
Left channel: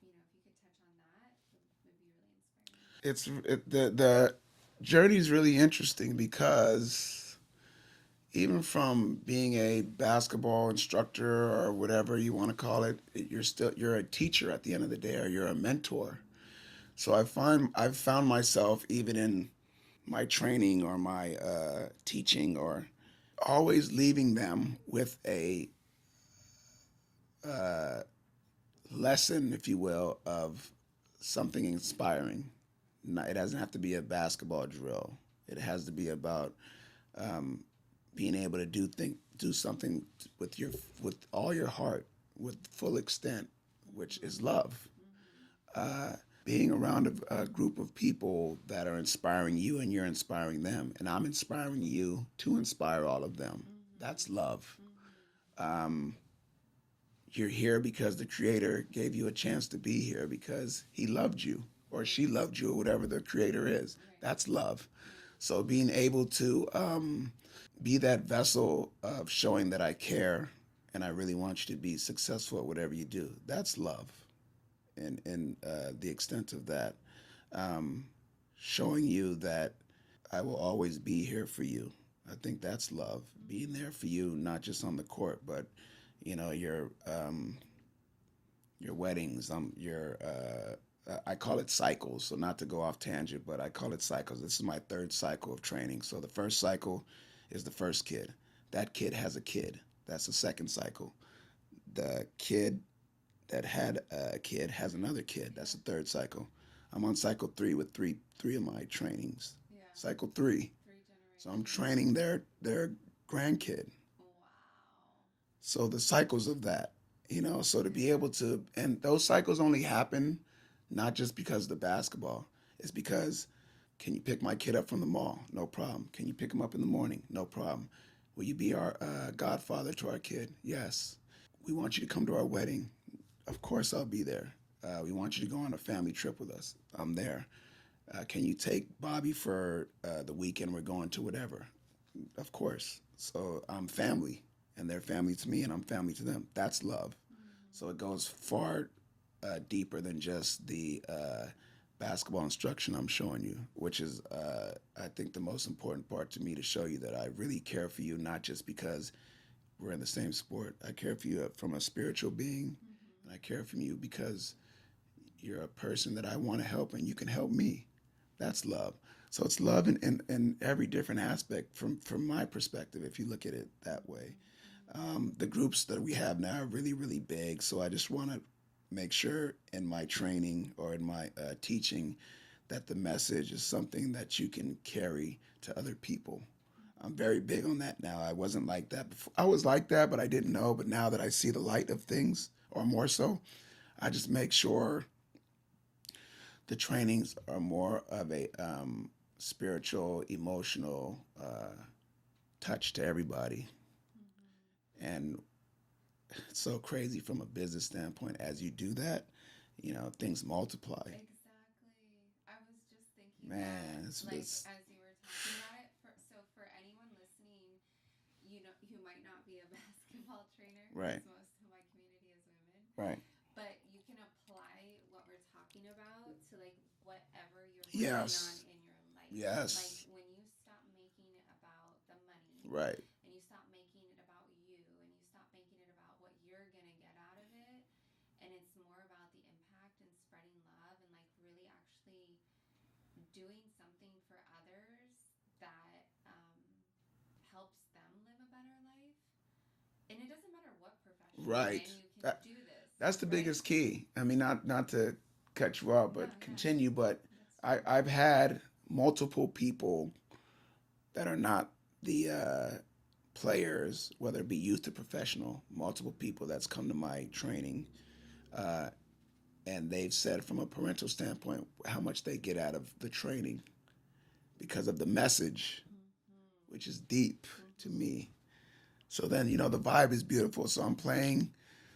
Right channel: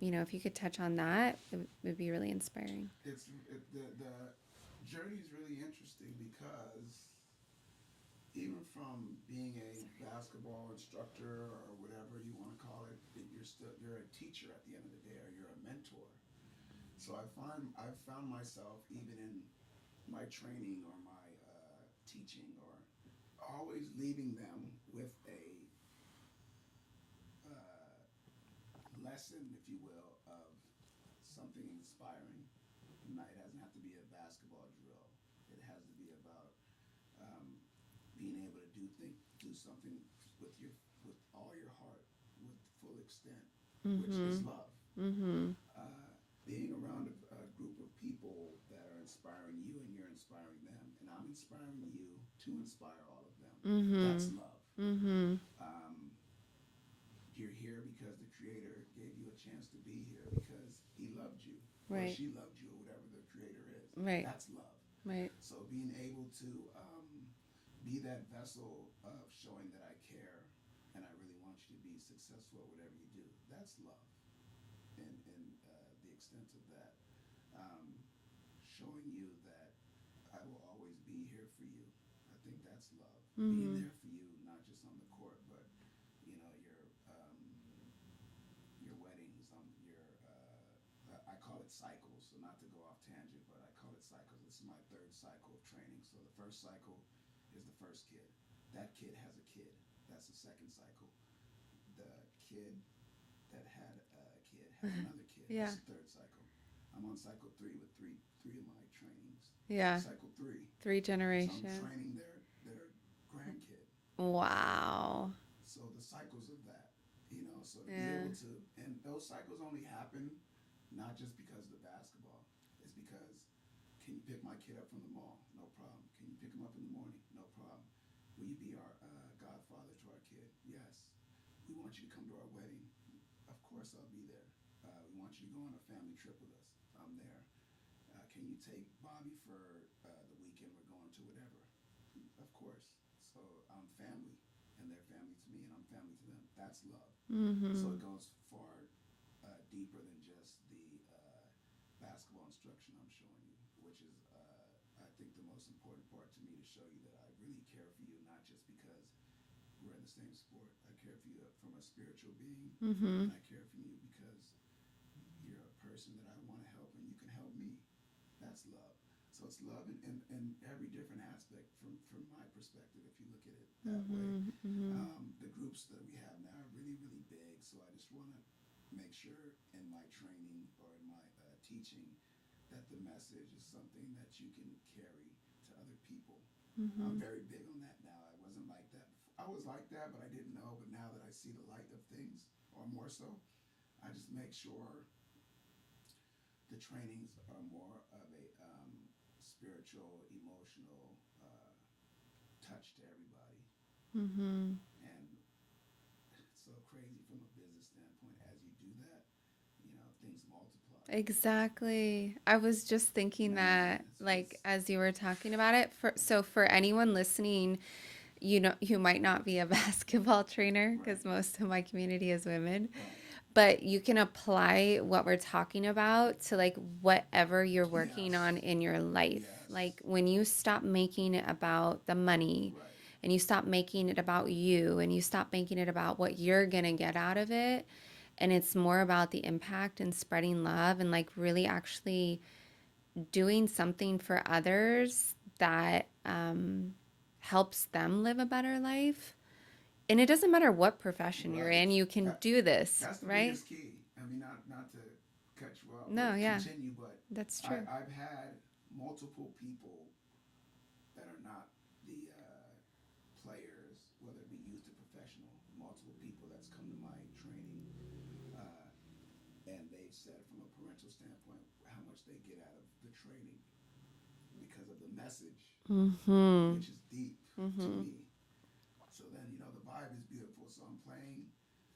if you could touch on that, it would be really inspiring. The journey is really interesting because even from being a basketball instructor or whatever you want to call it, you're a teacher at the end of the day, or you're a mentor. So I've found myself even in my training or my teaching or always leaving them with a uh, lesson, if you will, of something inspiring. It doesn't have to be a basketball drill. It has to be about um, being able to do something with all your heart, with full extent, which is Mm-hmm. love. Mm-hmm. Uh, Being around a group of people that are inspiring you and you're inspiring them, and I'm inspiring you to inspire all of them. Mm-hmm. That's love. Mm-hmm. Um, you're here because the creator gave you a chance to be here because he loved you or Right. she loved you or whatever the creator is. Right. That's love. Right. So being able to be that vessel of showing that I care and I really want you to be successful at whatever you do, that's love. And the extent of that, um, showing you that I will always be here for you. I think that's love. Being Mm-hmm. there for you, not just on the court, but your weddings, your I call it cycles. So not to go off tangent, but I call it cycles. This is my third cycle of training. So the first cycle is the first kid. That kid has a kid. That's the second cycle. The kid that had a kid has another kid. Yeah. That's the third cycle. I'm on cycle three with three of my trainings. Yeah. Cycle three. Three So I'm generations. training their grandkid. Wow. So the cycles of that. So to be Yeah. able to, and those cycles only happen not just because of the basketball. It's because, can you pick my kid up from the mall? No problem. Can you pick him up in the morning? No problem. Will you be our godfather to our kid? Yes. We want you to come to our wedding. Of course, I'll be there. We want you to go on a family trip with us. I'm there. Can you take Bobby for the weekend? We're going to whatever. Of course. So I'm family, and they're family to me, and I'm family to them. That's love. So Mm-hmm. it goes far deeper than just the basketball instruction I'm showing you, which is, I think, the most important part to me, to show you that I really care for you, not just because we're in the same sport. I care for you from a spiritual being. Mm-hmm. I care for you because you're a person that I want to help, and you can help me. That's love. So it's love in every different aspect from my perspective, if you look at it that way. Mm-hmm. The groups that we have now are really, really big. So I just want to make sure in my training or in my teaching that the message is something that you can carry to other people. I'm Mm-hmm. very big on that now. I wasn't like that before. I was like that, but I didn't know. But now that I see the light of things, or more so, I just make sure the trainings are more of a spiritual, emotional touch to everybody. Mm-hmm. And it's so crazy from a business standpoint. As you do that, things multiply. Exactly. I was just thinking that, Man, like, as you were talking about it, for anyone listening, you might not be a basketball trainer, right, because most of my community is women, right. but you can apply what we're talking about to, like, whatever you're working on Yes, in your life. Like, yes, when you stop making it about the money, right, and you stop making it about you, and you stop making it about what you're gonna get out of it, and it's more about the impact and spreading love, and, like, really actually doing something for others that helps them live a better life. And it doesn't matter what profession you're right. in, you can That do this, that's the right? biggest key. I mean, not to cut you off, No, but yeah, continue. But that's true. I've had multiple people that are not the players, whether it be youth or professional, multiple people that's come to my training, uh, and they've said from a parental standpoint how much they get out of the training because of the message, Mm-hmm. which is deep to Mm-hmm. me. So then, the vibe is beautiful. So I'm playing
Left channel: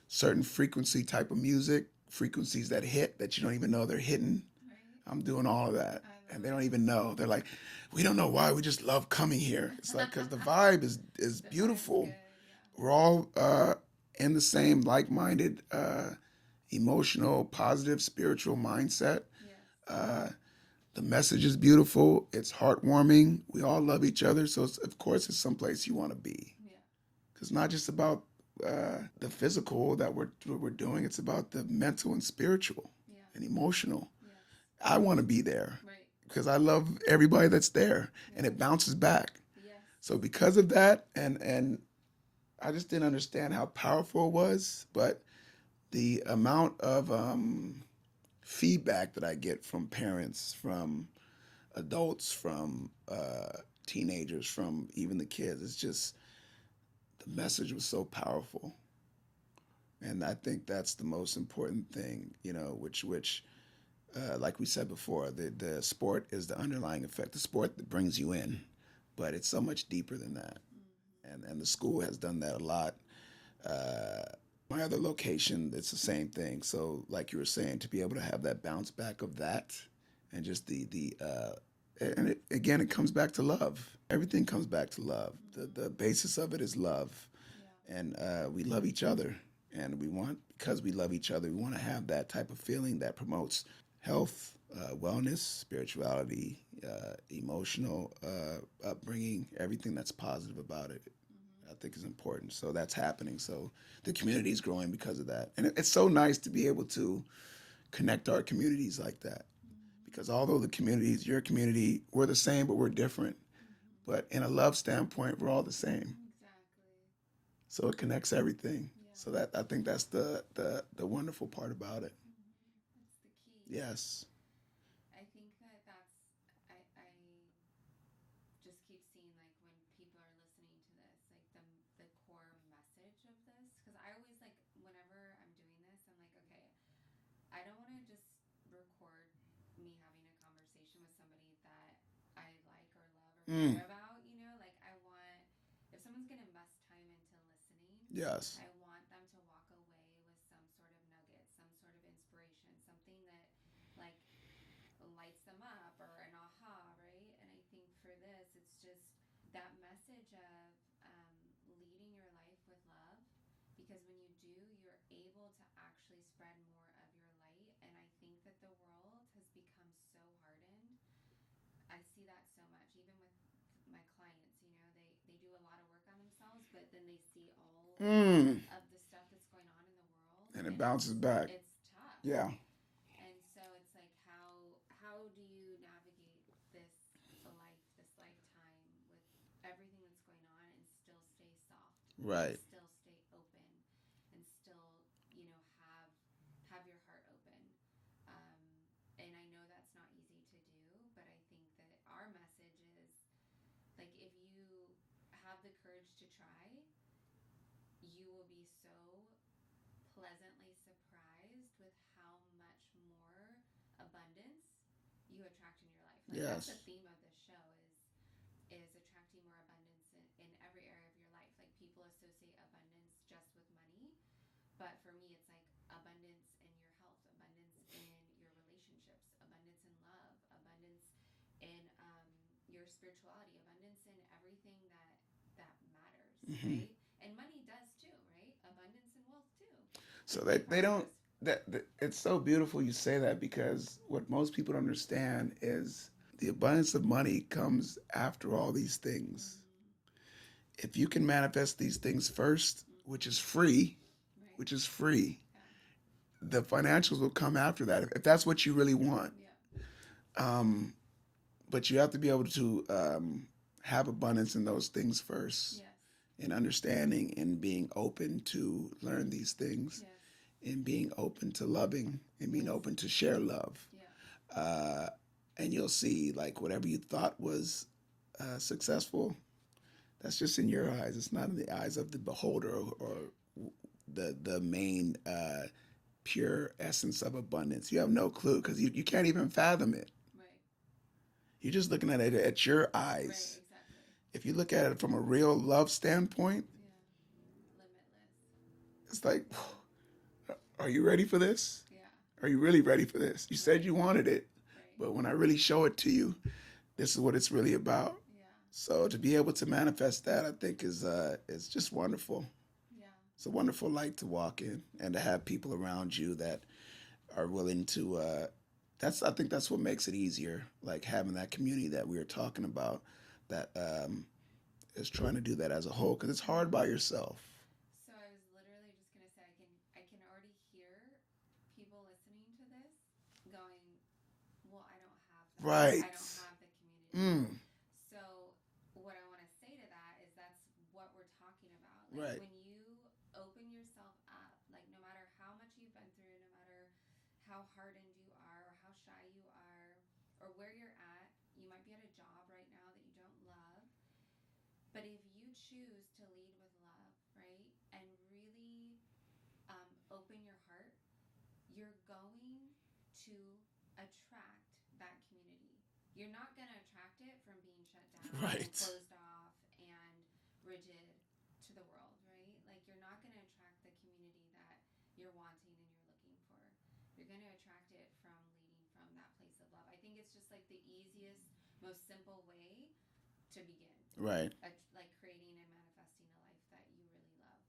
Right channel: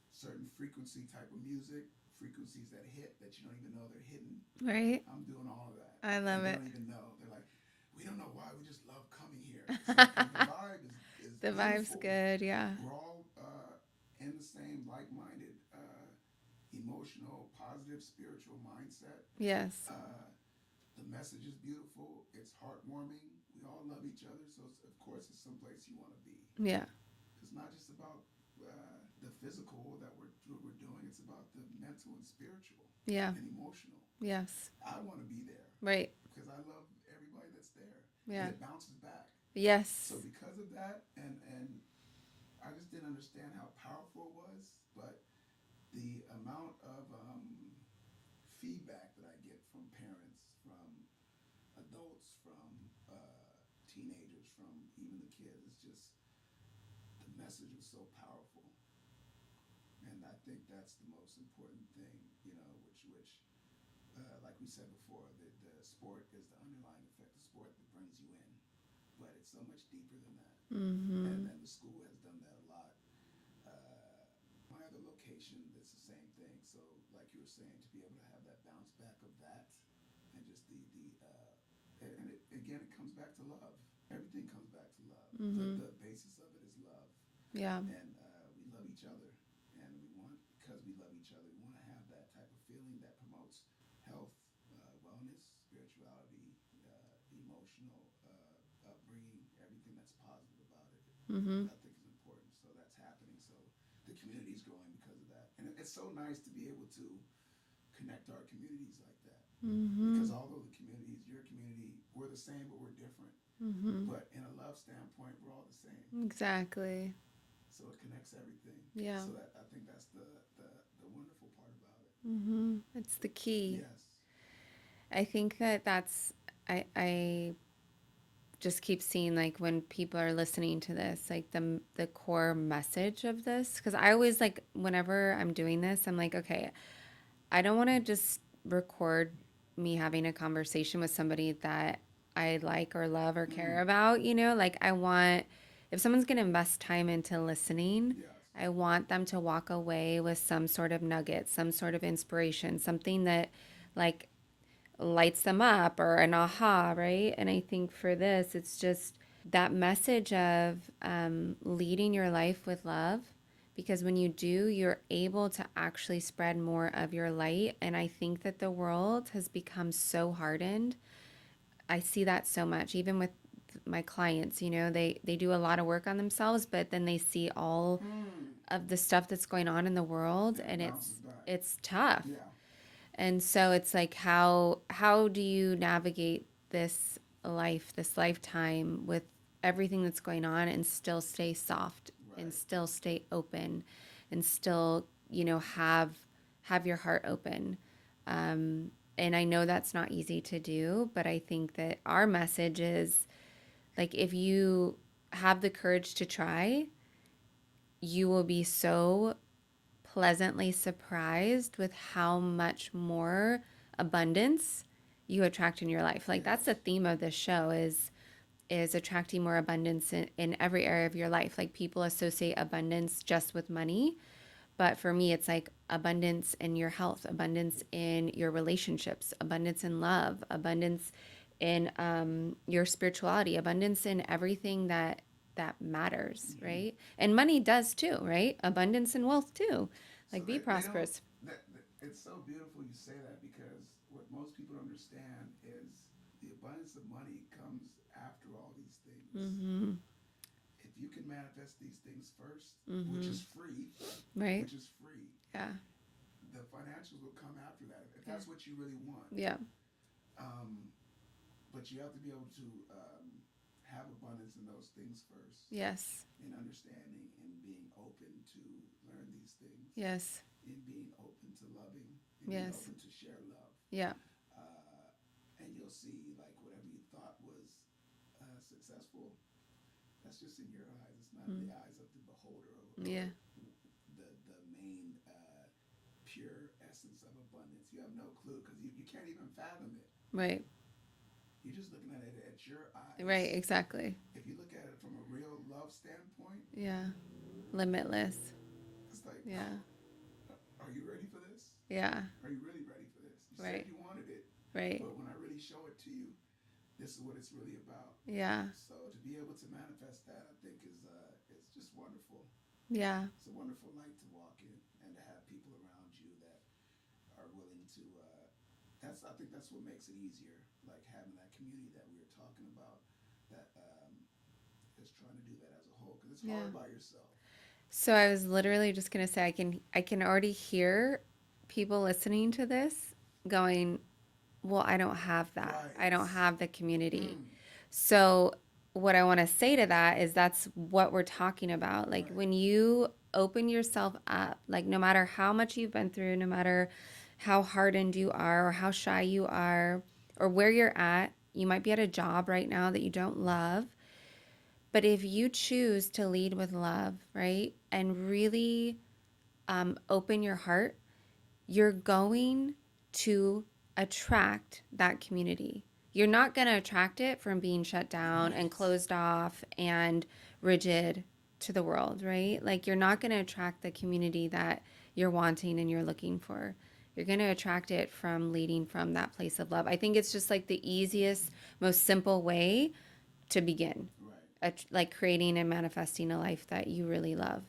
certain frequency type of music, frequencies that hit that you don't even know they're hitting. Right? I'm doing all of that. I And love they it. don't even know. They're like, we don't know why. We just love coming here. It's like, because the vibe is The vibe's beautiful. good, yeah. We're all in the same like minded, emotional, positive, spiritual mindset. Yes. Uh, the message is beautiful. It's heartwarming. We all love each other. So, of course, it's someplace you want to be. Yeah. It's not just about the physical that we're doing. It's about the mental and spiritual Yeah. and emotional. Yes. I want to be there Right. because I love everybody that's there, and Yeah. it bounces back. So Yes. because of that, and I just didn't understand how powerful it was, but the amount of feedback that I get from parents, from adults, from teenagers, from even the kids, it's just the message was so powerful. And I think that's the most important thing, which like we said before, the sport is the underlying effect, the sport that brings you in, but it's so much deeper than that. Mm-hmm. And the school has done that a lot. Uh, my other location, it's the same thing. So, like you were saying, to be able to have that bounce back of that, and just and again, it comes back to love. Everything comes back to love. Mm-hmm. The basis of it is love, Yeah. and we love each other, and because we love each other, we want to have that type of feeling that promotes health, wellness, spirituality, emotional upbringing, everything that's positive about it. Mm-hmm. I think is important. So that's happening. So the community is growing because of that, and it's so nice to be able to connect our communities like that. Mm-hmm. Because although the communities, your community, we're the same, but we're different. Mm-hmm. But in a love standpoint, we're all the same. Exactly. So it connects everything. Yeah. So that I think that's the wonderful part about it. Mm-hmm. It's the key. Yes. I think that that's I just keep seeing like when people are listening to this, like the core message of this, because I always like whenever I'm doing this, I'm like, okay, I don't want to just record me having a conversation with somebody that I like or love or Mm. care about, you know? Like I want if someone's going to invest time into listening, Yes. I want them to walk away with some sort of nugget, some sort of inspiration, something that like lights them up or an aha, right? And I think for this, it's just that message of leading your life with love. Because when you do, you're able to actually spread more of your light. And I think that the world has become so hardened. I see that so much, even with my clients. You know, they do a lot of work on themselves, but then they see all Mm. of the stuff that's going on in the world, And it and bounces back. it's tough. Yeah. And so it's like how do you navigate this life, this lifetime with everything that's going on and still stay soft and Right. still stay open and still, you know, have your heart open. And I know that's not easy to do, but I think that our message is like if you have the courage to try, you will be so pleasantly surprised with how much more abundance you attract in your life. Like that's the Yes. theme of this show is attracting more abundance in every area of your life. Like people associate abundance just with money, but for me it's like abundance in your health, abundance in your relationships, abundance in love, abundance in your spirituality, abundance in everything that matters, Hmm. right? And money does too, right? Abundance and wealth too. So Like be they don't. prosperous. That it's so beautiful you say that because what most people don't understand is the abundance of money comes after all these things. Mm-hmm. If you can manifest these things first, Mm-hmm. Right? which is free, Yeah. the financials will come after that if that's what you really want. Yeah. Um, but you have to be able to have abundance in those things first, Yes. in understanding and being open to learn these things, Yes. and being open to loving and being Yes. open to share love. Yeah. Uh, and you'll see like whatever you thought was successful, that's just in your eyes. It's not in the eyes of the beholder or Yeah. the main pure essence of abundance. You have no clue because you can't even fathom it. Right. You're just looking at it at your Right. eyes. Exactly. If you look at it from a real love standpoint, Yeah. Limitless. it's like, Yeah. are you ready for this? Yeah. Are you really ready for this? You said Right. you wanted it, Right. but when I really show it to you, this is what it's really about. Yeah. So to be able to manifest that, I think is just wonderful. Yeah. It's a wonderful light to walk in, and to have people around you that are willing to. I think that's what makes it easier. Like having that community that we were talking about, that is trying to do that as a whole, because it's Yeah. hard by yourself. So I was literally just gonna say I can already hear people listening to this going, well, I don't have that. Right. I don't have the community. Mm. So what I want to say to that is that's what we're talking about. Like Right. when you open yourself up, like no matter how much you've been through, no matter how hardened you are or how shy you are or where you're at, you might be at a job right now that you don't love. But if you choose to lead with love, right, and really open your heart, you're going to attract that community. You're not going to attract it from being shut down and Right. closed off and rigid to the world, right? Like you're not going to attract the community that you're wanting and you're looking for. You're going to attract it from leading from that place of love. I think it's just like the easiest, most simple way to begin, Right. like creating and manifesting a life that you really love.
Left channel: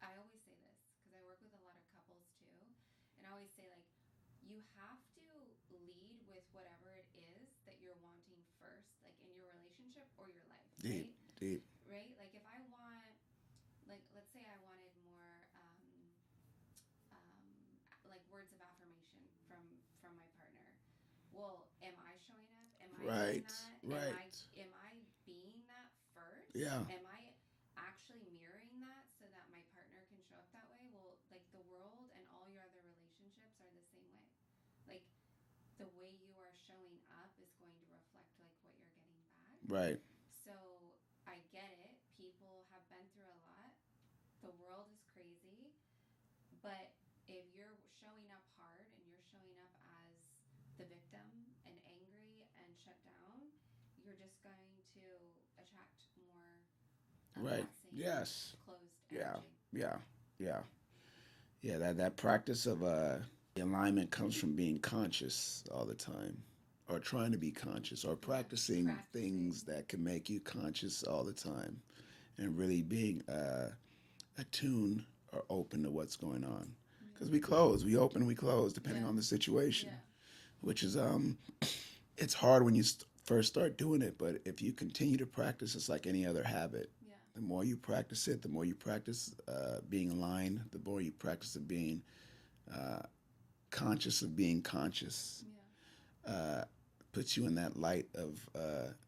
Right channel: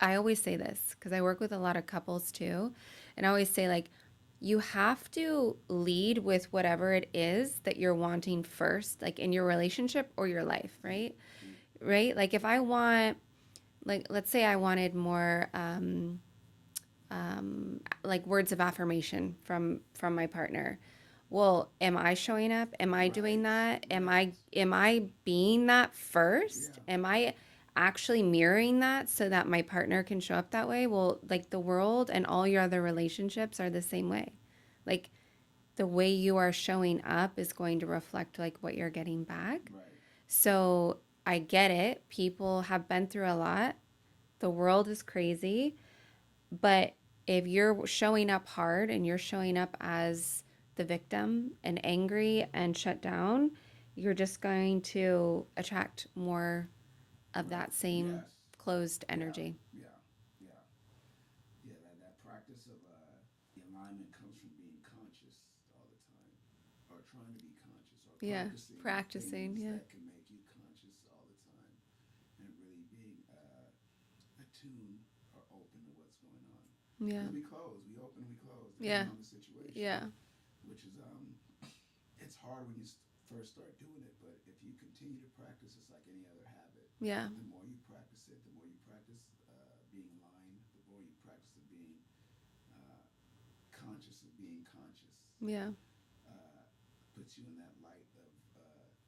I always say this because I work with a lot of couples too. And I always say, like, you have to lead with whatever it is that you're wanting first, like in your relationship or your life, Deep. right? Deep. Right? Like, if I want, like, let's say I wanted more, like words of affirmation from my partner. Well, am I showing up? Am I doing Right. that? Right. Am I being that first? Yeah. Am I actually mirroring that so that my partner can show up that way? Well, like the world and all your other relationships are the same way. Like the way you are showing up is going to reflect like what you're getting back. Right. So I get it. People have been through a lot. The world is crazy. But if you're showing up hard and you're showing up as the victim and angry and shut down, you're just going to attract more of Right. that same Yes. closed Yeah. energy. Yeah. Yeah. Yeah. That practice of the alignment comes from being conscious all the time, or trying to be conscious, or Yeah, practicing practicing. things Yeah, that can make you conscious all the time, and really being attuned or open to what's going on. yeah, Because we open, we close, yeah, depending on the situation. yeah, Which is it's hard when you first start doing it, but if you continue to practice, it's like any other habit. yeah, The more you practice it, the more you practice being aligned, the more you practice of being uh, conscious of being conscious. yeah, Uh, puts you in that light of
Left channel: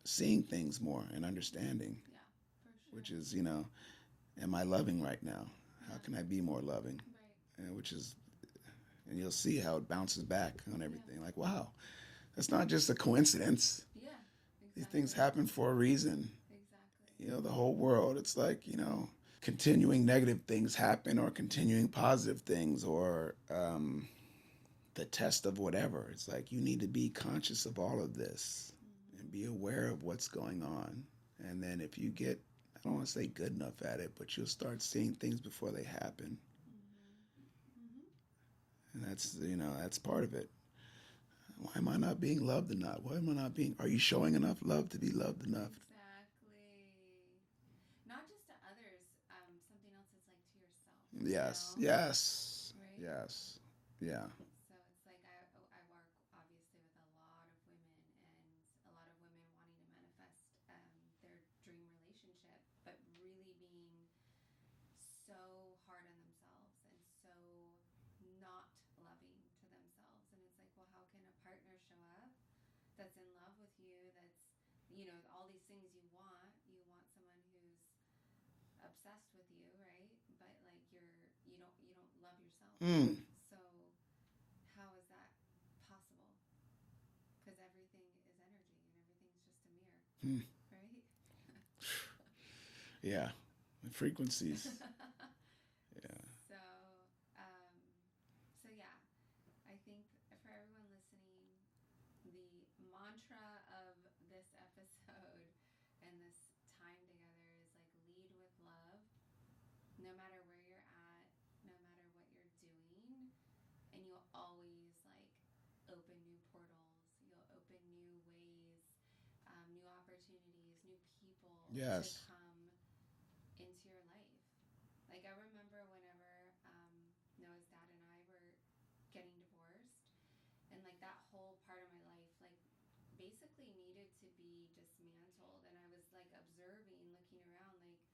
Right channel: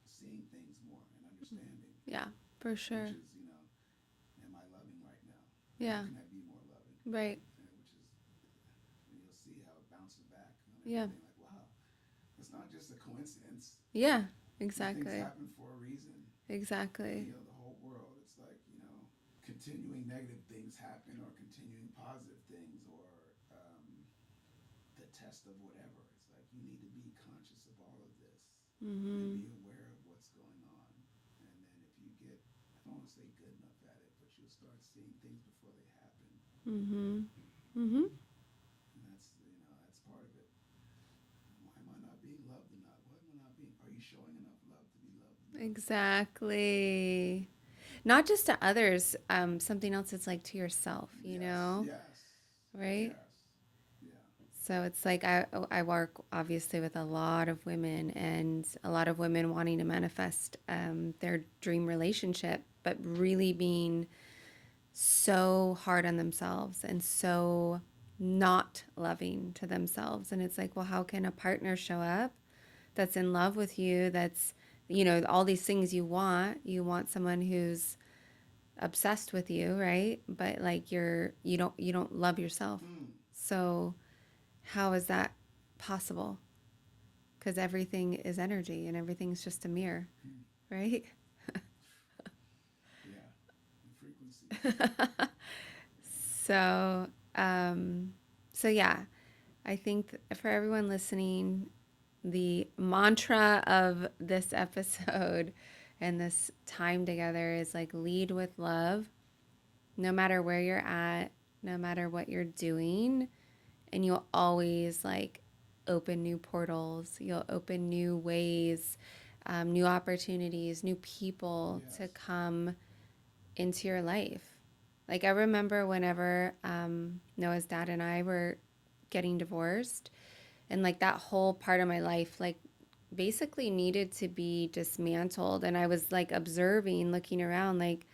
seeing things more and understanding, yeah, for sure. which is, am I loving right now? Yeah, How can I be more loving? right. Which is, and you'll see how it bounces back on Yeah, everything. Like, wow, that's not just a coincidence. yeah, These exactly. things happen for a reason. Exactly. The whole world, it's like, continuing negative things happen, or continuing positive things, or the test of whatever. It's like you need to be conscious of all of this and be aware of what's going on. And then if you get, I don't want to say good enough at it, but you'll start seeing things before they happen. Mhm. Mhm. And that's part of it. Why am I not being loved enough? Why am I not being, are you showing enough love to be loved enough? Exactly. Not just to others, something else it's like to yourself, Yes, yes, right? yes, yeah, So it's like I work obviously with a lot of women and a lot of women wanting to manifest their dream relationship, but really being so hard on themselves and so not loving to themselves. And it's like, well, how can a partner show up that's in love with you, that's, all these things you want? You want someone who's obsessed with you, right? But like you don't love yourself. mm. So how is that possible? Because everything is energy and everything's just a mirror, Mm. right? Yeah, the frequencies. So, um, so yeah, I think for everyone listening, the mantra of this episode and this time together is like lead with love, no matter where you're at, no matter what you're doing, and you'll always like open new portals. You'll open new ways, new opportunities, new people to Yes. come into your life. Like I remember whenever Noah's dad and I were getting divorced, and like that whole part of my life, like basically needed to be dismantled. And I was like observing, looking around, like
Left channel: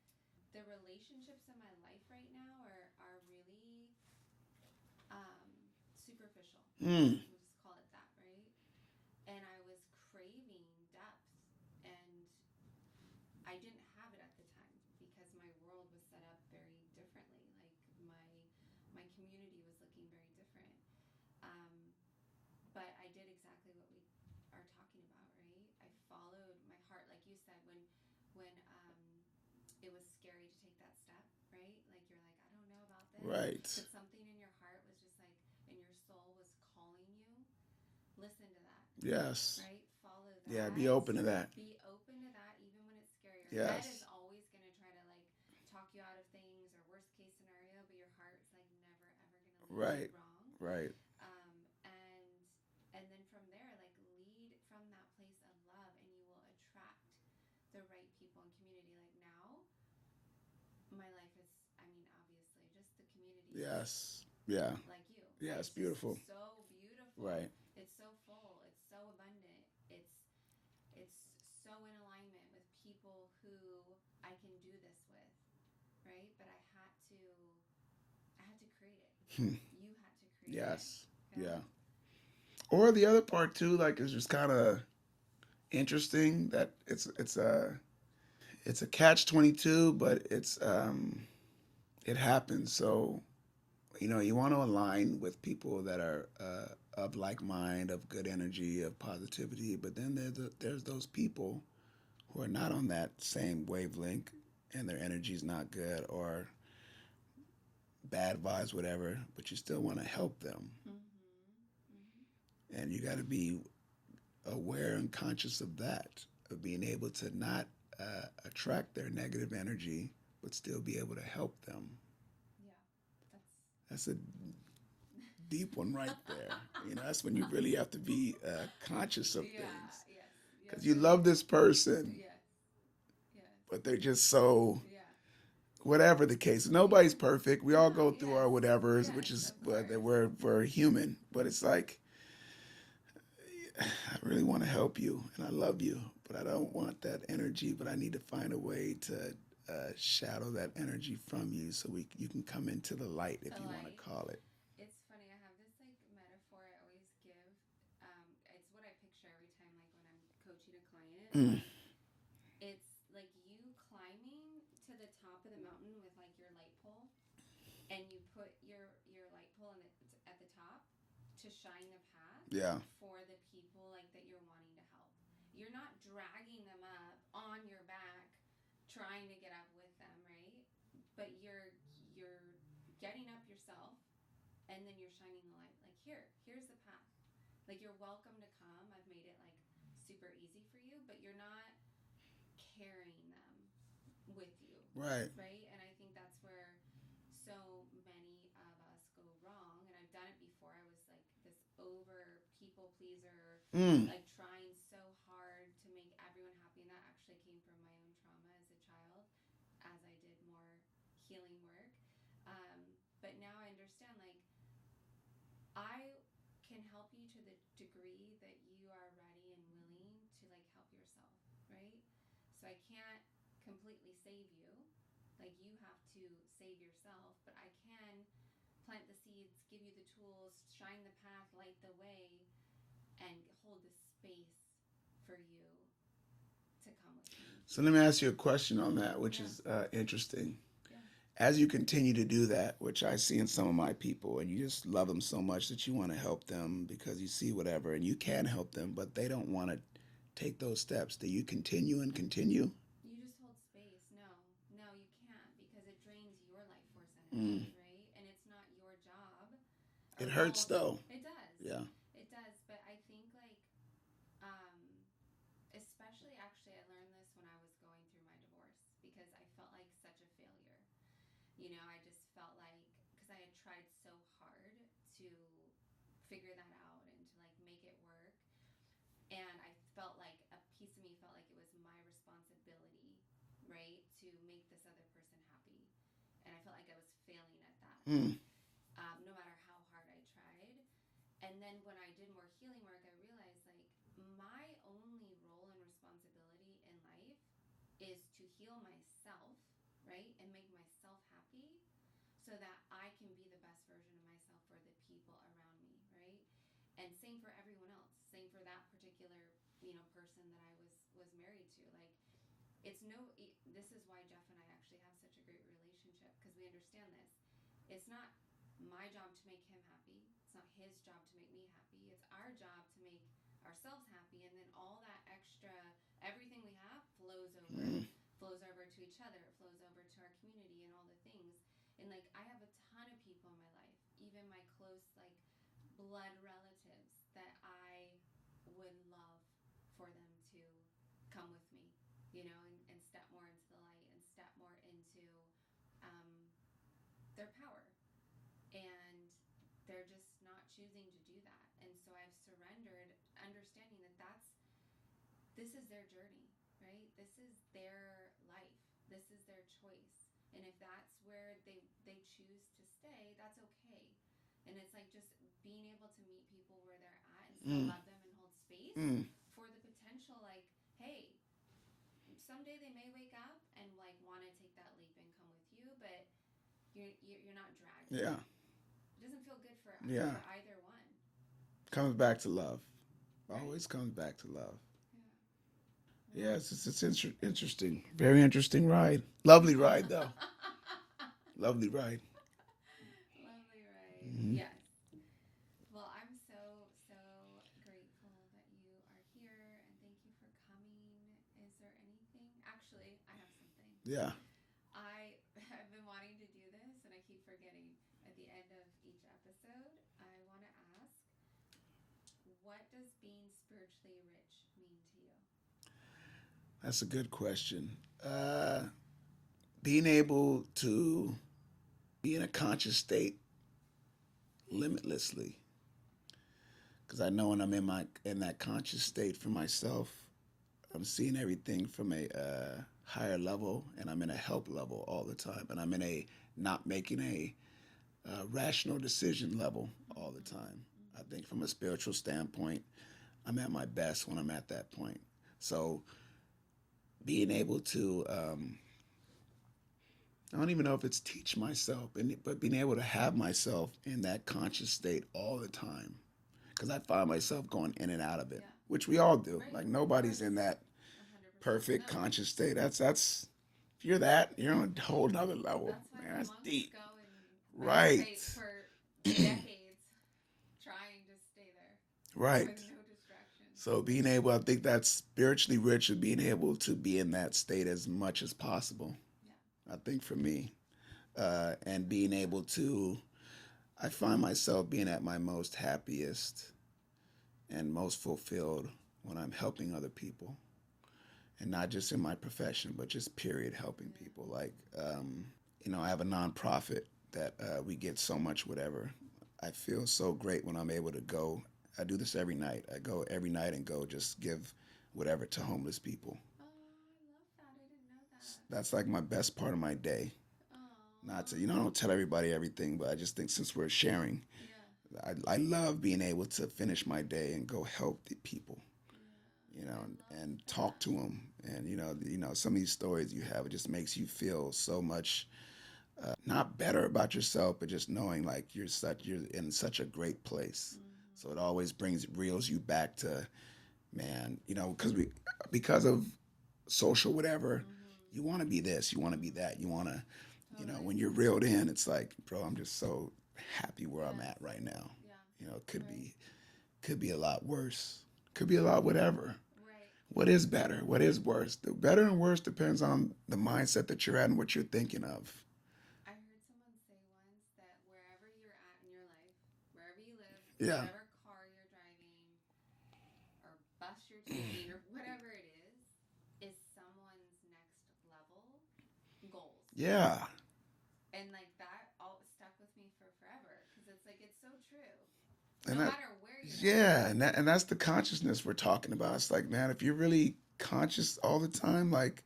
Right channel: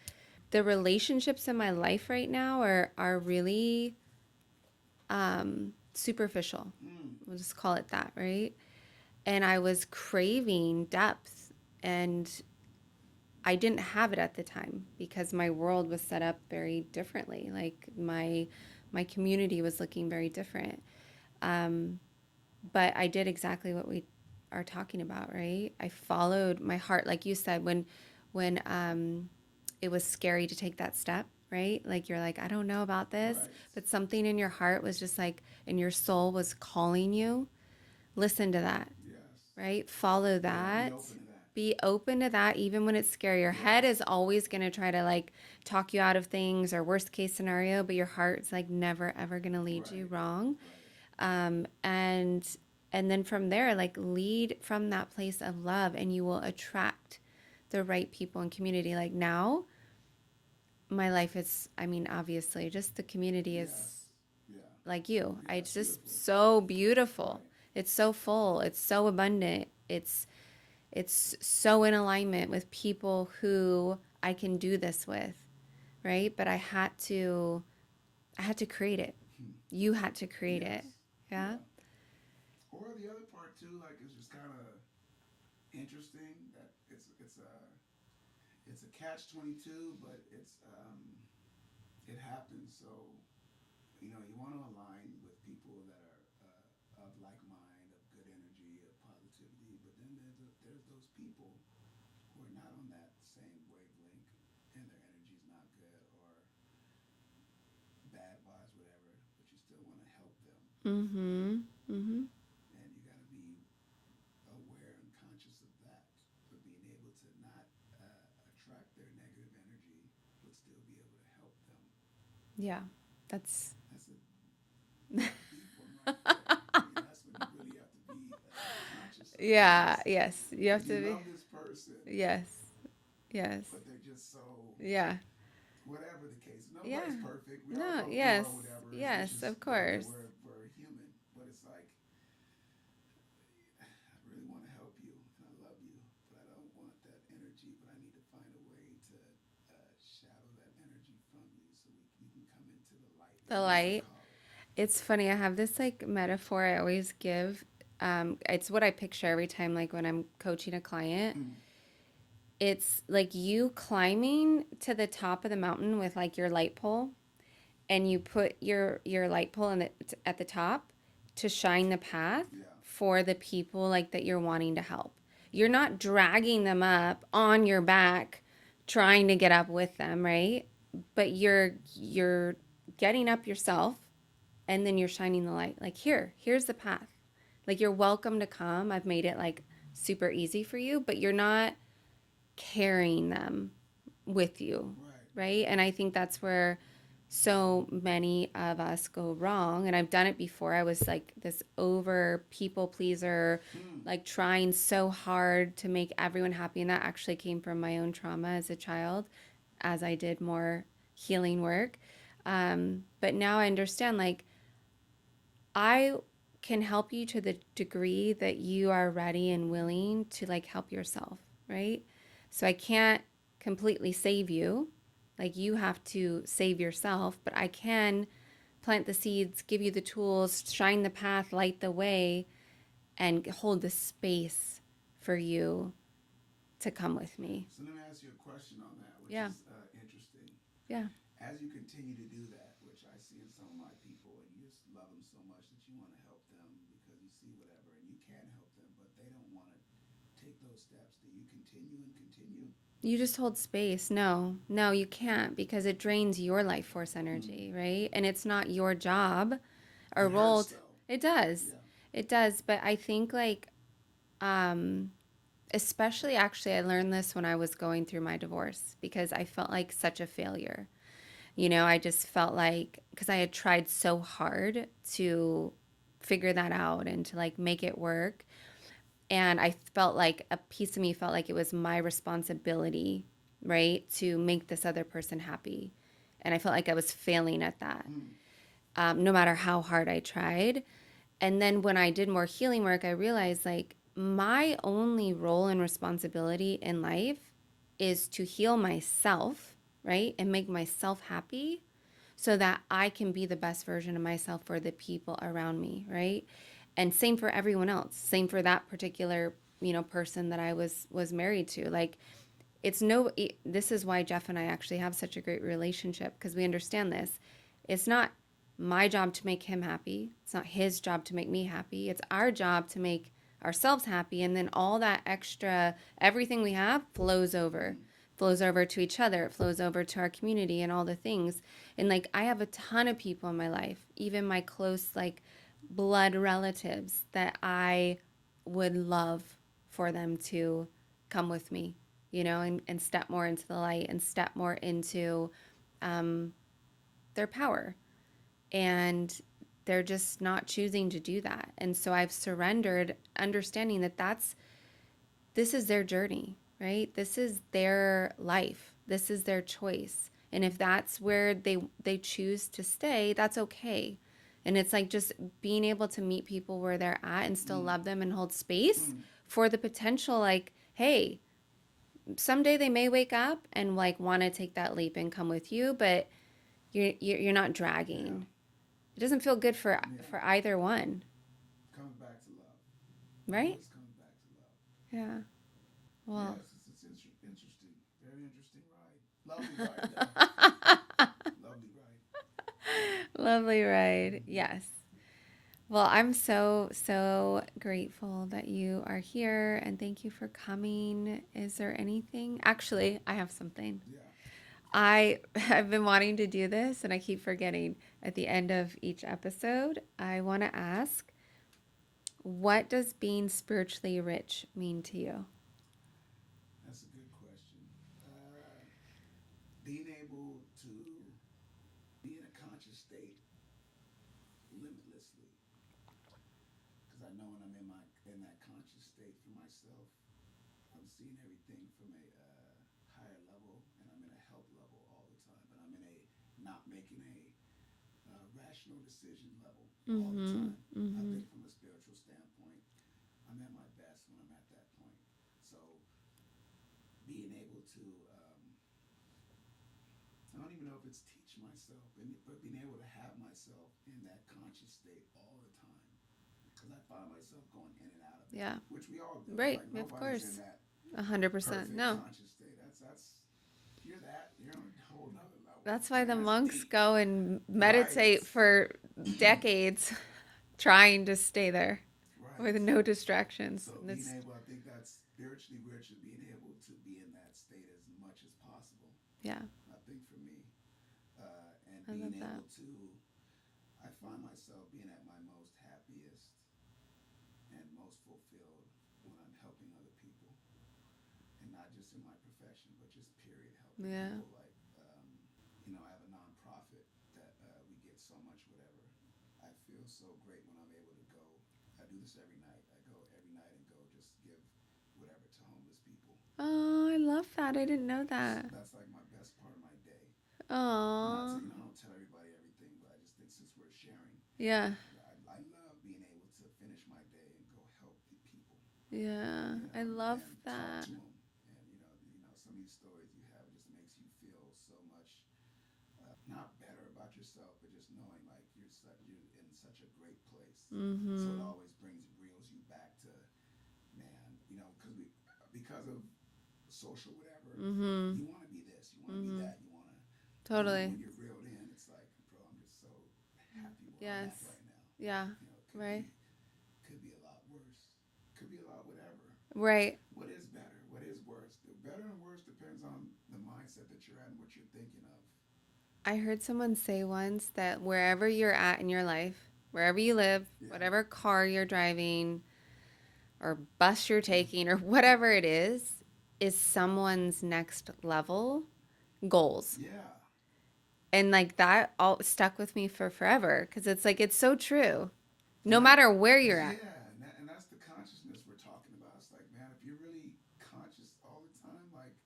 the relationships in my life right now are really superficial. Mm. We'll just call it that, right? And I was craving depth, and I didn't have it at the time because my world was set up very differently. Like my community was looking very different. Um, but I did exactly what we are talking about, right? I followed my heart, like you said, when it was scary to take that step, right? Like you're like, I don't know about this, Right. but something in your heart was just like, and your soul was calling you. Listen to that, Yes. right? Follow Yeah, that. be open to that. Be open to that, even when it's scary. Your head Yes. is always going to try to like talk you out of things or worst case scenario, but your heart's like never ever going to lead you Right. wrong. Right. And then from there, like lead from that place of love, and you will attract the right people and community. Like now, my life is, I mean, obviously, just the community is Yes. Yeah. like you. Yeah, It's it's just beautiful. so beautiful. Right. It's so full. It's so abundant. It's so in alignment with people who I can do this with, right? But I had to create it. You had to create it. Yes. Yeah. Yeah. Or the other part too, like it's just kind of interesting that it's a catch-22, but it happens. So you want to align with people that are of like mind, of good energy, of positivity. But then there's those people who are not on that same wavelength, and their energy's not good, or bad vibes, whatever. But you still want to help them, Mm-hmm. Mm-hmm. and you got to be aware and conscious of that, of being able to not attract their negative energy, but still be able to help them. Yeah. That's That's a deep one right there. That's when you really have to be conscious of yeah, things. yes. You have You to be love this person, yes. Yes. but they're just so Yeah. whatever the case. Yeah. Nobody's perfect. We all No, go through yes. our whatevers, which Yes, is of course. we're human. But it's like I really want to help you and I love you, but I don't want that energy. But I need to find a way to shadow that energy from you, so you can come into the light, if The you want light. to call it. It's funny. I have this like metaphor I always give. It's what I picture every time, like when I'm coaching a client. Mm. It's like you climbing to the top of the mountain with like your light pole, and you put your light pole at the top to shine the path Yeah. for the people like that you're wanting to help. You're not dragging them up on your back trying to get up with them, right? But you're getting up yourself, and then you're shining the light. Like here's the path. Like you're welcome to come. I've made it like super easy for you, but you're not carrying them with you. Right. Right? And I think that's where so many of us go wrong. And I've done it before. I was like this over people pleaser, Mm. like trying so hard to make everyone happy. And that actually came from my own trauma as a child as I did more healing work. But now I understand, like, I can help you to the degree that you are ready and willing to like help yourself, right? So I can't completely save you. Like you have to save yourself, but I can plant the seeds, give you the tools, shine the path, light the way, and hold the space for you to come with me. So let me ask you a question on that, which Yeah. is interesting. Yeah. As you continue to do that, which I see in some of my people, and you just love them so much that you want to help them because you see whatever, and you can help them, but they don't want to take those steps. Do you continue and continue? You just hold space. No, you can't because it drains your life force energy, right? And it's not your job or It role. hurts though. It does. Yeah. It does. But I think like, especially actually, I learned this when I was going through my divorce because I felt like such a failure. I just felt like because I had tried so hard to figure that out and to like make it work. And I felt like a piece of me felt like it was my responsibility, right, to make this other person happy. And I felt like I was failing at that, Mm. no matter how hard I tried. And then when I did more healing work, I realized like my only role and responsibility in life is to heal myself, right, and make myself happy so that I can be the best version of myself for the people around me, right? And same for everyone else. Same for that particular, person that I was married to. Like this is why Jeff and I actually have such a great relationship because we understand this. It's not my job to make him happy. It's not his job to make me happy. It's our job to make ourselves happy, and then all that extra everything we have flows over to each other. It flows over to our community and all the things. And like I have a ton of people in my life, even my close like blood relatives that I would love for them to come with me, and step more into the light and step more into their power. And they're just not choosing to do that. And so I've surrendered, understanding that this is their journey, right? This is their life. This is their choice. And if that's where they choose to stay, that's okay. And it's like just being able to meet people where they're at and still love them and hold space for the potential, like, hey, someday they may wake up and like want to take that leap and come with you, but you're not dragging. Yeah. It doesn't feel good for Yeah. for either one, Comes back to love. right? Always comes back to love. Yeah. Well, Yes, it's interesting. Very interesting ride. Lovely ride, though. Lovely ride. lovely ride. Yes. Well, I'm so, so grateful that you are here and thank you for coming. Is there anything? Actually, I have something. Yeah, I've been wanting to do this and I keep forgetting. At the end of each episode, I want to ask, what does being spiritually rich mean to you? that's a good question. Uh, Being able to be in a conscious state limitlessly, because I know when I'm in that conscious state for myself, I'm seeing everything from a higher level, and I'm in a help level all the time, and I'm in a not making a rational decision level all the Mm-hmm. time. I Mm-hmm. think from a spiritual standpoint, I'm at my best when I'm at that point. So being able to, I don't even know if it's teach myself, but being able to have myself in that conscious state all the time, because I find myself going in and out of it, Yeah. which we all do. Right. Like Of nobody's course. in that 100%. perfect No. conscious state. That's if you're that, you're on a whole nother level. That's why the Man, that's monks deep. go and Right. meditate for decades trying to stay there Right. with no distractions. So And being it's, able, I think that's spiritually rich and being able to be in that state as much as possible. yeah, I think for me, and I being love that. able to, I find myself being at my most happiest and most fulfilled when I'm helping other people, and not just in my profession, but just period helping Yeah. people. Like, I have a nonprofit that we get so much whatever. I feel so great when I'm able to go. I do this every night. I go every night and go just give whatever to homeless people. Oh, I love that. I didn't know that. That's like my best part of my day. Not to, Oh, I don't tell everybody everything, but I just think since we're sharing, yeah. I love being able to finish my day and go help the people, Yeah. I love and talk that. to them. And some of these stories you have, it just makes you feel so much not better about yourself, but just knowing like you're in such a great place. So it Mm-hmm. always reels you back to, man, because of social whatever, Mm-hmm. you want to be this, you want to be Mm-hmm. that, you want to, Totally. when you're reeled in, it's like, bro, I'm just so happy where I'm Yes. at right now. Yeah. It Right. could be a lot worse, could be a lot whatever. Right. What is better? What is worse? The better and worse depends on the mindset that you're at and what you're thinking of. I heard someone say once that wherever you're at in your life, wherever you live, Yeah, whatever car you're driving or bus you're taking or whatever it is someone's next level goals. yeah. And like that all stuck with me for forever because it's like it's so true. And No that, matter where you're at. yeah, and that's the consciousness we're talking about. It's like, man, if you're really conscious all the time, like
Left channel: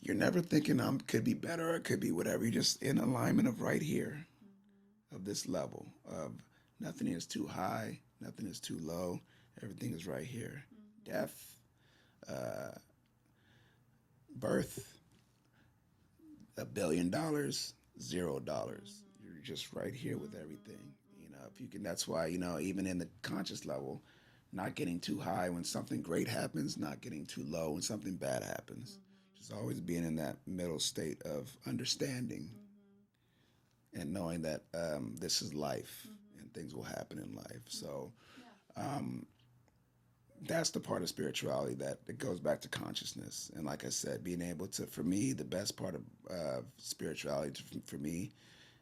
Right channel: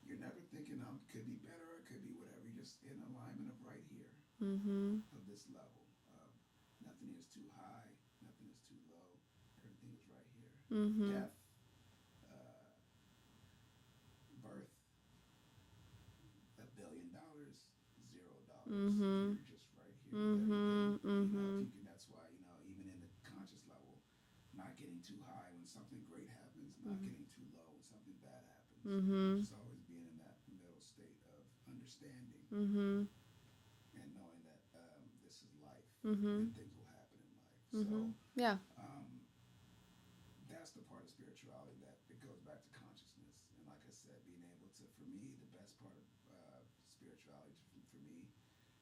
you're never thinking could be better or it could be whatever. You're just in alignment of right here, Mhm. of this level of nothing is too high, nothing is too low, everything is right here. Mhm. Death, uh, birth, $1 billion, $0. Mhm. You're just right here with everything. Mhm. If you Mhm. can, that's why even in the conscious level, not getting too high when something great happens, not getting too low when something bad happens. Mhm. Just always being in that middle state of understanding Mhm. and knowing that this is life Mhm. and things will happen in life. So Mhm. Yeah. um, that's the part of spirituality that goes back to consciousness. And like I said, being able to, for me, the best part of spirituality for me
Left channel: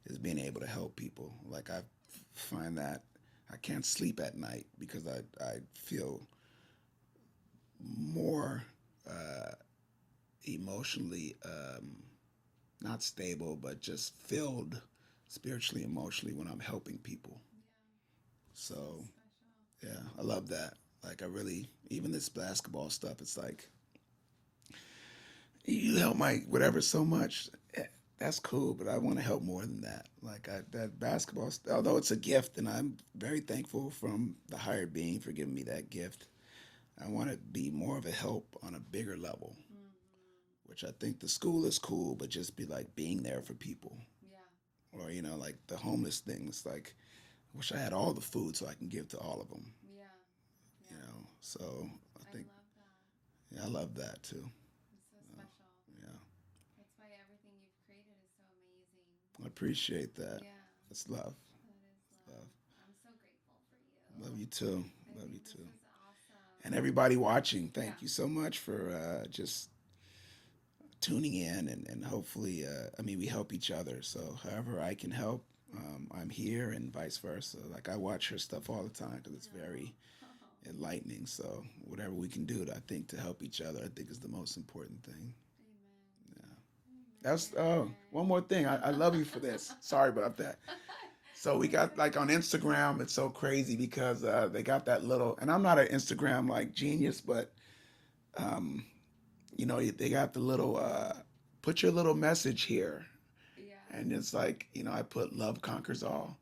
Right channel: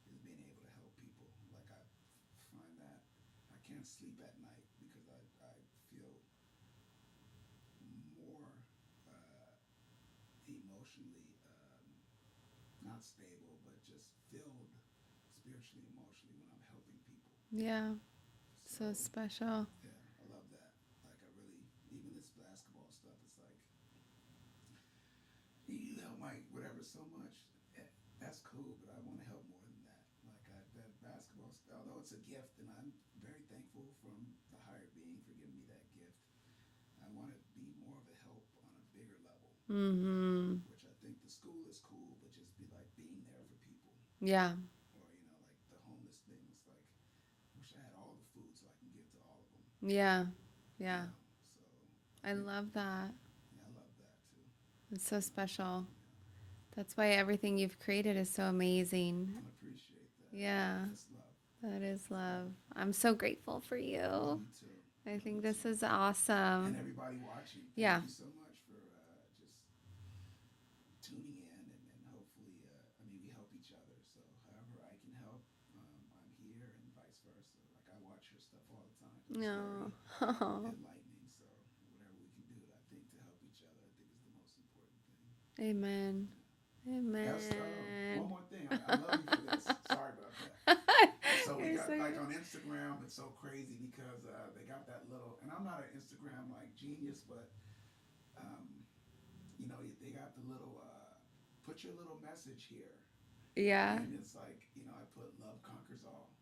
is being able to help people. Like I find that I can't sleep at night because I feel more uh, emotionally not stable, but just filled spiritually, emotionally when I'm helping people. Yeah. So So special. yeah, I love that. Like I really, even this basketball stuff, it's like you help my whatever so much. That's cool, but I want to help more than that. That basketball, although it's a gift, and I'm very thankful from the higher being for giving me that gift. I want to be more of a help on a bigger level, Mhm. which I think the school is cool, but just be like being there for people, Yeah. or like the homeless things. Like, I wish I had all the food so I can give to all of them. Yeah. Yeah. So I I think love that. yeah, I love that too. It's so special. Yeah, That's why everything you've created is so amazing. I appreciate that. Yeah. That's love. That is love. I'm so grateful for you. Love you too. I Love think you this too. is awesome. And everybody watching, thank Yeah. you so much for just tuning in, and hopefully, I mean, we help each other. So however I can help, I'm here, and vice versa. Like I watch her stuff all the time because it's very No. enlightening. So whatever we can do, I think, to help each other, I think is the most important thing. Amen. Amen. That's one more thing. I love you for this. Sorry about that. So we got like on Instagram, it's so crazy because they got that little, and I'm not an Instagram like genius, but um, you know, they got the little put your little message here, Yeah. and it's like, you know, I put love conquers all,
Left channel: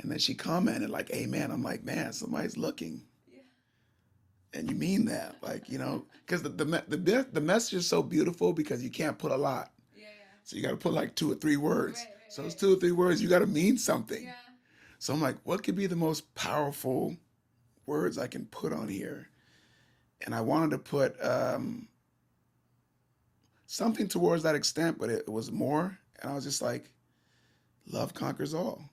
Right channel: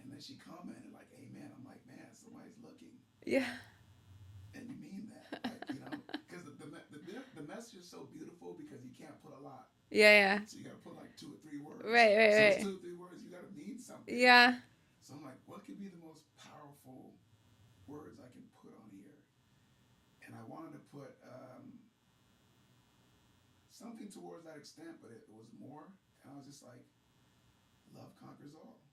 and then she commented like amen. I'm like, man, somebody's looking, Yeah. and you mean that, like, you know, because the message is so beautiful because you can't put a lot. Yeah. Yeah. So you got to put like 2 or 3 words. Right. Right. So it's Right. 2 or 3 words. You got to mean something. Yeah. So I'm like, what could be the most powerful words I can put on here? And I wanted to put something towards that extent, but it was more. And I was just like, love conquers all.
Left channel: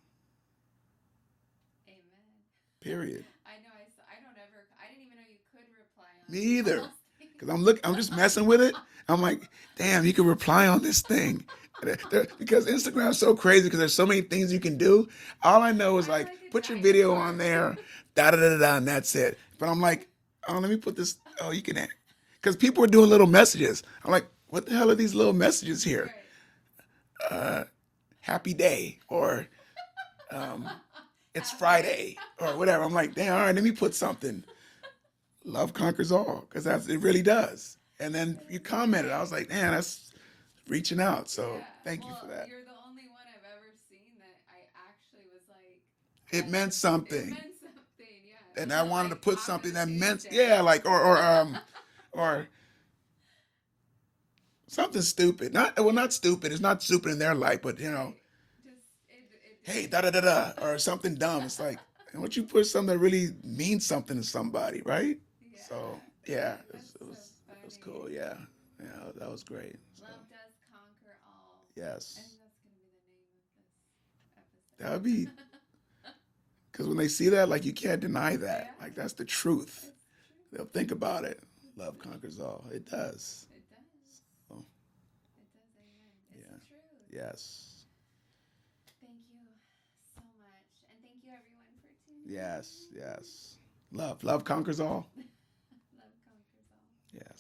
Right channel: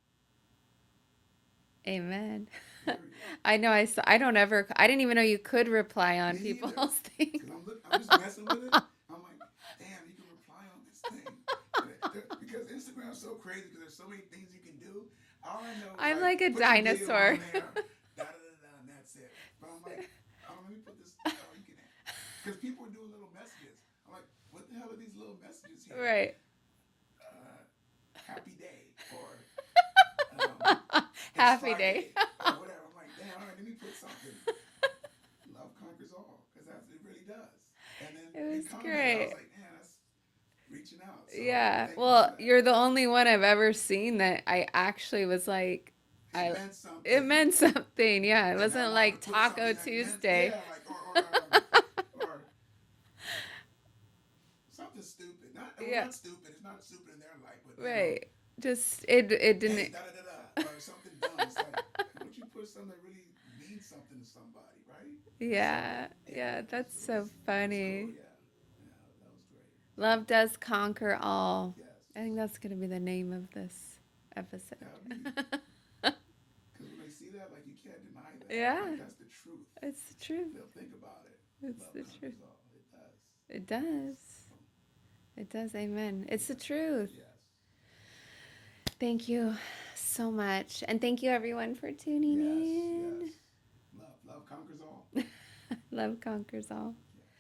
Amen. Period. I know. I don't ever. I didn't even know you could reply on Me either. people's things. Because I'm just messing with it. I'm like, damn, you can reply on this thing. Because Instagram's so crazy because there's so many things you can do. All I know is I'm like a put dinosaur. your video on there, da da da da, and that's it. But I'm like, oh, let me put this. Oh, you can, because people are doing little messages. I'm like, what the hell are these little messages here? Right. Happy day, or it's Happy Friday, day. or whatever. I'm like, damn, all right, let me put something. Love conquers all, because it really does. And then It you was commented. I great. was like, man, that's reaching out. So Yeah. thank you Well, for that. you're the only one I've ever seen that I actually was like, It meant something. it meant something. Yeah. It And I wasn't wanted like to put Taco something that meant, Tuesday. yeah, like or something stupid. Not stupid. It's not stupid in their life, but you know, Right. Just it hey, didn't. da da da da, or something dumb. It's like, why don't you put something that really means something to somebody, right? Yeah. So, Yeah. That's so it was funny. cool. Yeah, yeah, that was great. So, Love does conquer all. yes, I think that's gonna be the name of this that would episode. be, because when they see that, like, you can't deny that. Yeah. Like, that's the truth. It's the truth. They'll think about it. It's Love the conquers truth. all. It does. It does. So, It does. Amen. It's the truth. yes. Thank you so much. And thank you everyone for tuning Yes, in. yes. Love conquers all. Love conquers all. Yes.